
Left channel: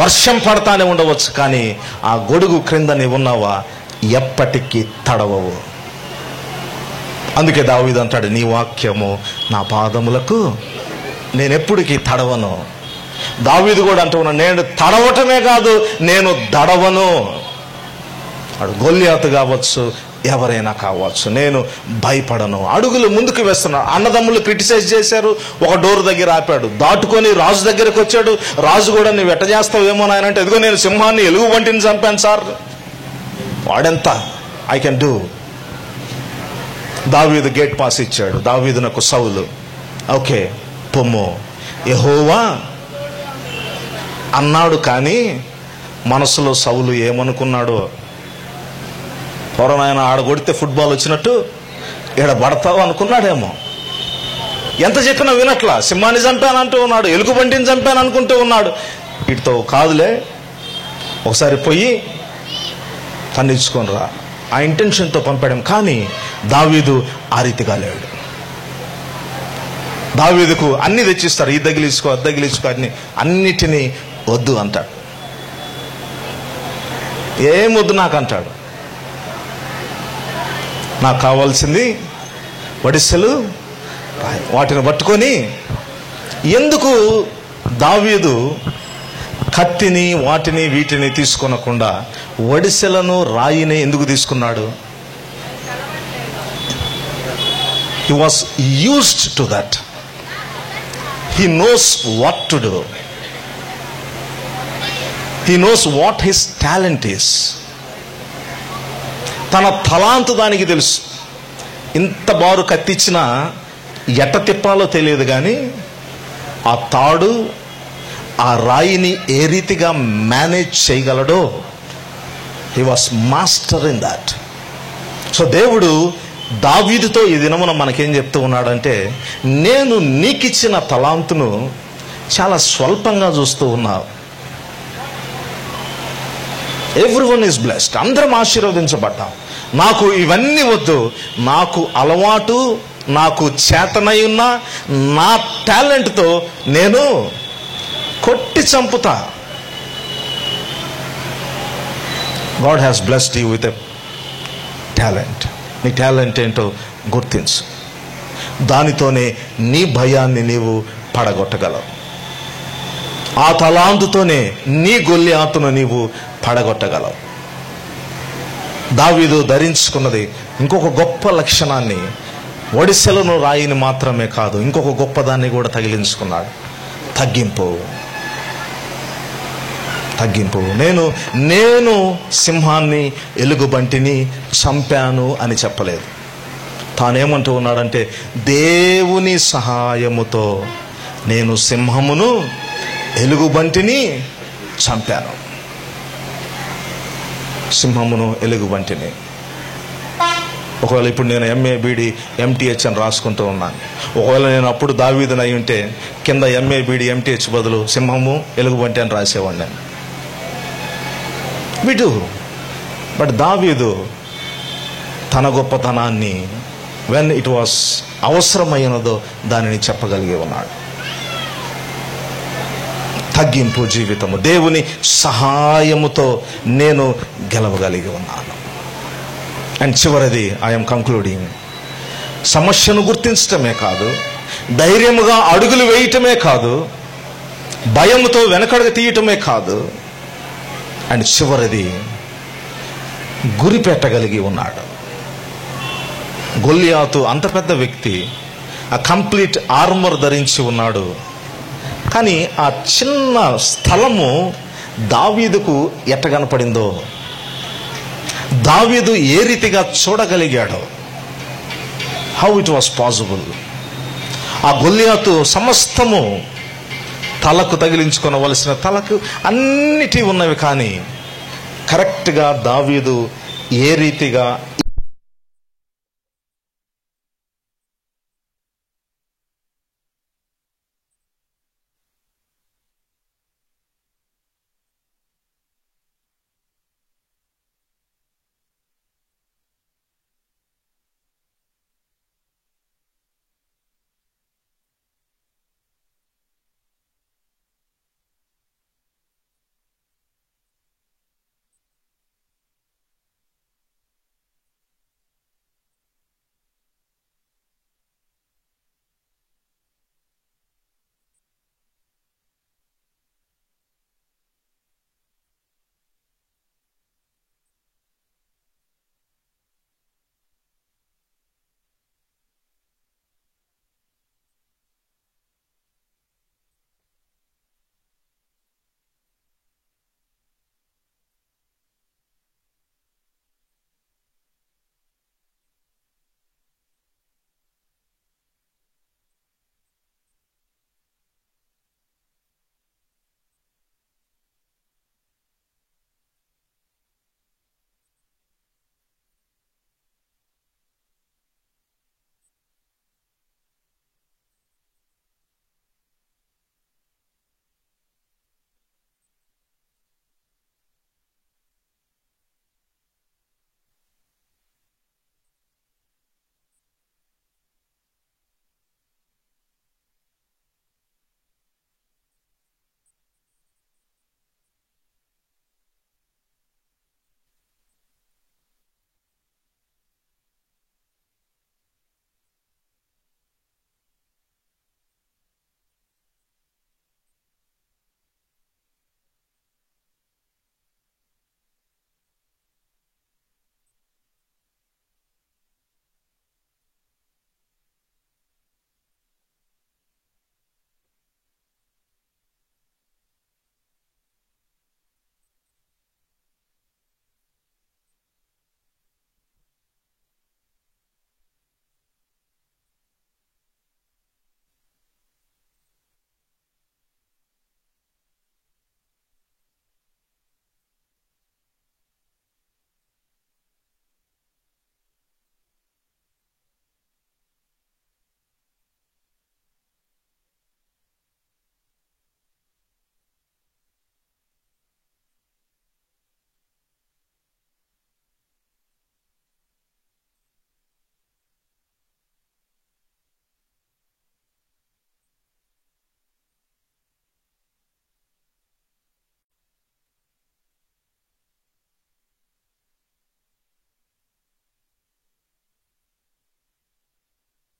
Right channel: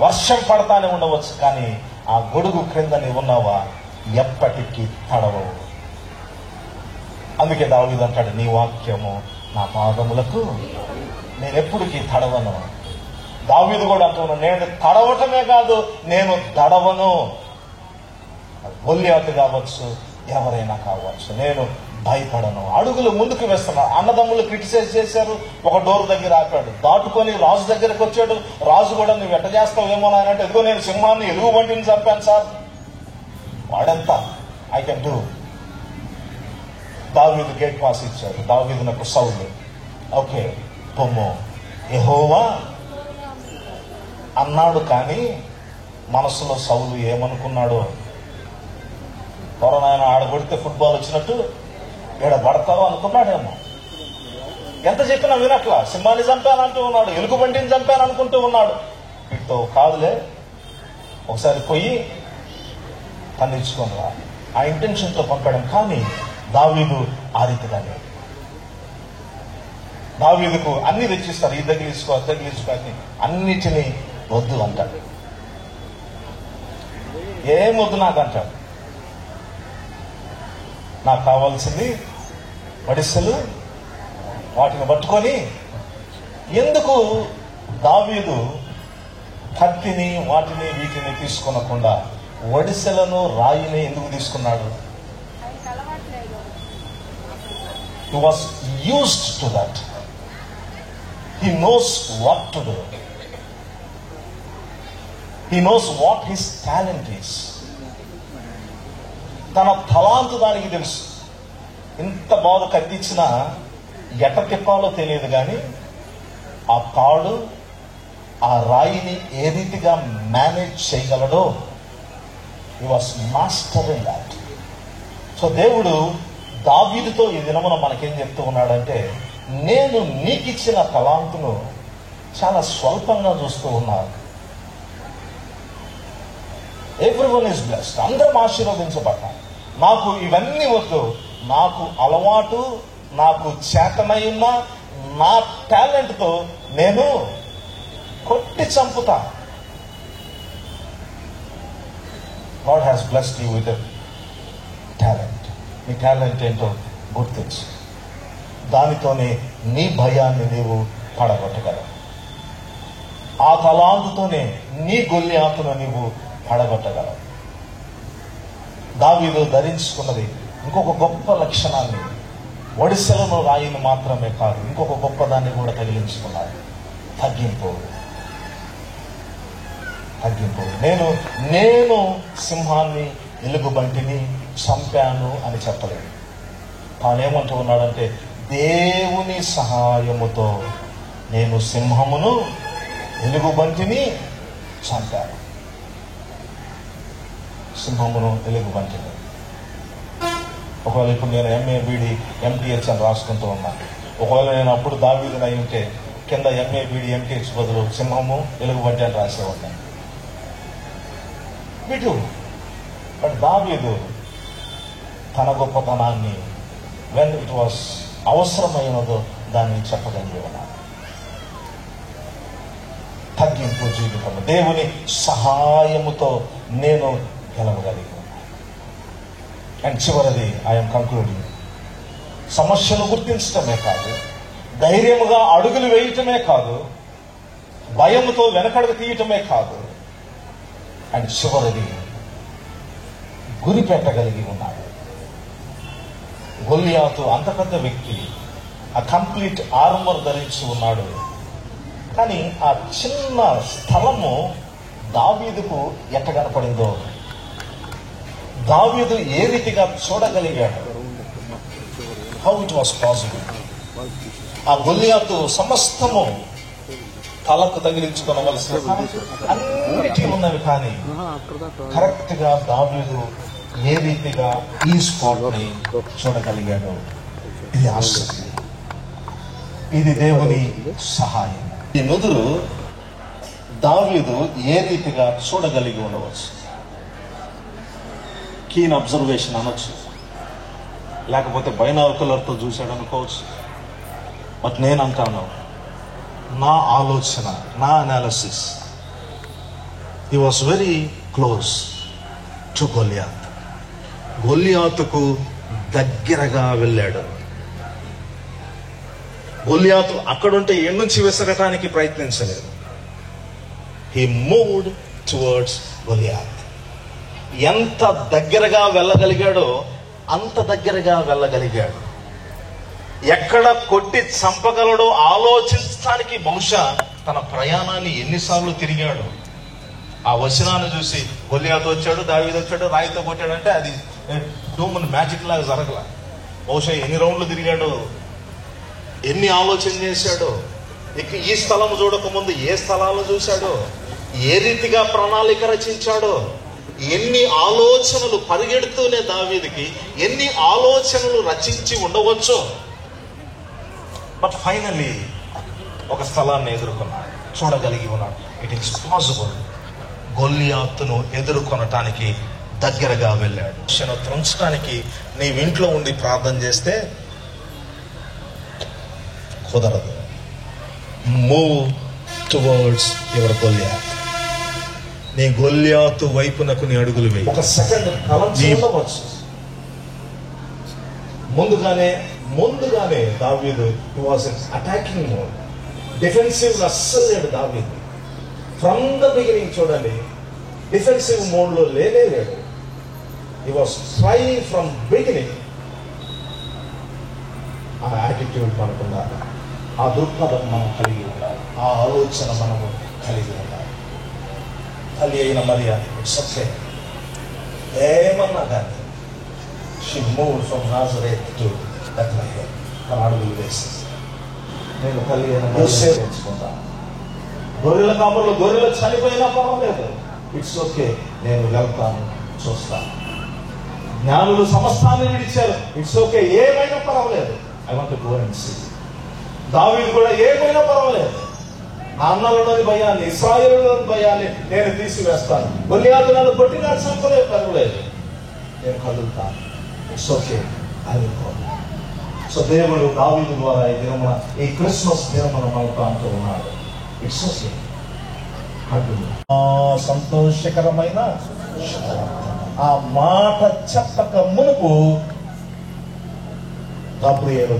వర్షం పడతానే ఉండవచ్చు, కానీ ఆ గొడుగు క్రింద నీవు ఉన్నావా ఎప్పటికీ తడవవు. అందుకే దావీదు అంటాడు, నీ వాక్యము నా పాదములకు, నేను ఎప్పటికీ తడవను. దావీదు కూడా అంటూ ఉన్నాడు, నేను తడవటమే కాదు, నేను దడవను. అడు గొల్యాతు కావచ్చు, ఎవరైనా కావచ్చు, నేను భయపడను. అడుగులు ముందుకు వేస్తున్నాడు. అన్నదమ్ములు క్రిటిసైజ్ చేశారు, ఒక డోర్ దగ్గర ఆపాడు, దాటుకొని రాజు దగ్గరకు వచ్చాడు. రాజు కూడా నువ్వు ఎట్ట చేస్తావేమో నాయనంటే, ఎదుగో నేను సింహాన్ని ఎలుగు వంటిని చంపాను సార్. వాడెంత, ఐ కెన్ డూ. దావీదు గేట్ పాస్ ఇచ్చాడు. దావీదునకు సౌలు, ఓకే పొమ్ము, యెహోవా అన్నాడు. కానీ మనసులో సౌలు ఏమనుకున్నాడు? పొరమైన ఆడ కొడితే ఫుట్బాల్ వచ్చినట్టు ఈడ పడతావు అనుకున్నాడేమో. ఎంత చెప్పినా వినట్లా. సింహాన్ని చంపాను అంటూ ఉన్నాడు, ఎలుగుబంటిని చంపాను అనుకుంటూ ఉన్నాడు. వీటితో కాదులే, ఒకసారి పోయి ఖండించుకొని రా, ఆ ఇంటెన్షన్తో పంపడం. కానీ దావీదు ఆ రీతిగా లేడు. దావీదుకు అన్ని తెచ్చిస్తారు, ఇది తగిలించుకో, అది తగిలించుకో, అన్నిటినీ వద్దు అంటాడు. ఏం వద్దు నాకు అంటాడు. నాకు కావాల్సింది వడిసెలు, వాటిని పట్టుకొని. ఎందుకు దావీదు కత్తిని వాటిని వీటిని తీసుకొనకుండా వడిసెలను రాయిని ఎందుకు తీసుకున్నాడు? He was used to that. He knows what to do. He knows what his talent is. తన తలాంతు దానికి తెలుసు. ఇంత బారు కత్తిచ్చినా ఎట్ట తిప్పాలో తెలియదు, కానీ ఆ తాడు ఆ రాయిని ఏ రీతిగా మేనేజ్ చేయగలడో he was master in that. So దేవుడు దావీదుతో ఈ దినమున మనకేం చెప్తూ ఉన్నాడంటే, నేను నీకిచ్చిన తలాంతును చాలా స్వల్పంగా చూస్తూ ఉన్నావు. ఎవ్రీవన్ ఈజ్ బ్లెస్డ్, అందరం ఆశీర్వదించబడ్డాం. నాకు ఇవన్నీ వద్దు, నాకు అలవాటు, నాకు చేతనై ఉన్న నా టాలెంట్తో నేను కొట్టి చంపుతా. God has blessed you with a talent. నీ టాలెంట్ ఏంటో గుర్తించు. దానితోనే నీ భయాన్ని నీవు పడగొట్టగలవు. ఆ తలాంతుతోనే నీ గొల్లియాతును నీవు పడగొట్టగలవు. దావీదు ధరించుకున్నది ఇంకొక గొప్ప లక్షణాన్ని, ఒడిసెలను రాయిని మాత్రమే కాదు, ఇంకొక గొప్పదాన్ని కూడా తగిలించుకున్నాడు. తగ్గింపు. నేను సింహాన్ని ఎలుగుబంటిని చంపాను అని చెప్పలేదు. తానేమంటూ ఉన్నాడంటే, దేవుని సహాయముతో నేను సింహమును ఎలుగుబంటిని చంపాను. సింహమును ఎలుగుబంటిని. ఒకవేళ ఇప్పుడు నేను ఎంఏ బీడీ ఎంటీహెచ్ అని రాసుకుంటూ ఉన్నాను. ఒకవేళ నేను అప్పుడు దావీదునై ఉంటే కింద ఎంఏ బీడీ ఎంటీహెచ్ బదులు సింహము ఎలుగుబంటి అని రాసేవాడిని. వీడు బట్ దావీదు తన గొప్పతనాన్ని వెన్ ఇట్ వాస్ అవసరమైనదో దానిని చెప్పగలిగి ఉన్నాడు. తగ్గింపు జీవితము, దేవుని సహాయముతో నేను గెలవగలిగి ఉన్నాను. అండ్ చివరిది, ఐఎమ్ కంక్లూడింగ్, సమస్యను గుర్తించటమే కాదు, ధైర్యముగా అడుగులు వేయటమే కాదు, భయముతో వెనకడుగు తీయటమే కాదు, అండ్ చివరిది గురి పెట్టగలిగి ఉన్నాడు. గొల్లియాతు అంత పెద్ద వ్యక్తి, ఆ కంప్లీట్ ఆర్మర్ ధరించి ఉన్నాడు. కానీ ఆ చిన్న స్థలము దావీదుకు ఎట్ట కనపడిందో, దావీదు ఏ రీతిగా చూడగలిగాడో, హౌ ఇట్ వాస్ పాసిబుల్. ఆ గొల్లియాతు సమస్తము తలకు తగిలించుకొనవలసిన తలకు అన్నిటి ఉన్నవి, కానీ కరెక్ట్గా దావీదు ఏ రీతిగా ఈ స్పాట్ని చూడగలిగాడో, ఇది ఆశ్చర్యం. ఇది దేవుని సహాయం. ఈ నుదురు దావీదు ఏ రీతిగా చూడగలిగి ఉండవచ్చు. కీన్ అబ్జర్వేషన్ అనొచ్చు, లేకపోతే బైనాకులర్తో చూశాడు అనుకోవచ్చు. బట్ నేను అంటాను, నా ఆలోచన, నా analysis, he was very close to Goliath. గొల్లియాతుకు దగ్గరగా వెళ్ళాడు. గొల్లియాతు అక్కడుంటే ఏడు నుంచి విసరటానికి ప్రయత్నించలేదు. He moved towards Goliath. ఎంత దగ్గరగా వెళ్ళగలిగాడో అంత దగ్గరగా వెళ్ళగలిగాడు. ఎక్కడ కొట్టి చంపగలడో ఆలోచించడానికి బహుశా తన ప్రయాణాన్ని ఎన్నిసార్లు తిరిగాడు. ఆ వచనాన్ని చూసి గొల్లియాతు వచ్చాడు, దావీదు వచ్చాడు, రాయితో కొట్టాడంటే అది డూమన్ మ్యాజిక్ లాగా జరగల. బహుశా ఎన్ని రౌండ్లు తిరిగాడో, ఎన్ని ఆలోచన చేశాడో, ఇక ఈ స్థలం చూడకముందు ఏ స్థలాలు చూశాడో, ఏ రీతిగా ప్రణాళిక రచించాడో, ఎన్ని ఆలోచనలు పరిగెడుతూనే దావీదుకి ఎన్ని ఆలోచనలు రచించి ఉండవచ్చో. బట్ ఫైనల్లీ ఒక స్థలాన్ని ఎదుర్కొన్నాడు, చూడగలిగి ఉన్నాడు. It is possible. గొల్లియాతును ఎదుర్కొనటానికి దగ్గరగా వెళ్ళాడు. త్రుంచడానికి నీవు ఇంట్లో ఉండి ప్రార్థన చేస్తే కుదరదు. Move towards your Goliath. నీ గొల్లియాతు వైపునకు నీ అడుగులు వేయి. ఒక సెకండ్ ఉండవచ్చు. ముందుగానే దావీదు వాజ్ అటాకింగ్ మోడ్, డిఫెన్సివ్ అస్సలు లేడు దావీదు. ఫ్రమ్ ద బిగినింగ్ చూడండి, డిఫెన్సివ్ మోడ్ లో లేడు. హి వాజ్ ట్రైయింగ్ ఫ్రమ్ బిగినింగ్. ఆ యాటిట్యూడ్ మనకుండాలి, ఆ దృక్పథం మనం కలిగి ఉండాలి, ఆ ఆలోచన మనము కలిగి ఉండాలి. తల్లి అయిన మరియా ఇట్స్ ఓకే, ఏమన్నా కానీ she moved from Nazareth to Bethlehem. తన అడుగులు వేసింది. నేను తల్లి అయిన మరియా తెచ్చుకుంటాను. గొర్రెల కాపర్లు గొర్రెలు చనిపోయినా పర్వాలేదు, ఇట్స్ ఓకే, నేను వెళ్తాను, చూస్తాను. జ్ఞానులు సమస్తాన్ని విడిచారు, ఇట్స్ ఓకే, ఏమైనా పర్వాలేదు, I want to go and see. దావీదు కూడా ఏమైనా పర్వాలేదు, నా అన్నలోని భయాన్ని, ఇశ్రాయేలులోని భయాన్ని నేను తీసివేస్తాను. గొల్లియాతు నన్ను కొట్టినా చంపలేదు, పర్వాలేదు, నేను కదులుతాను, it's okay, I will go. So దేవుడు దావీదు ద్వారా ఈ దినమున, ఈ క్రిస్మస్ దినమున మనకు అంటూ ఉన్నాడు, ఇట్స్ ఓకే. సంతోషకరమైన ఆ మాట చెప్పక మునుపు గాబ్రియేలు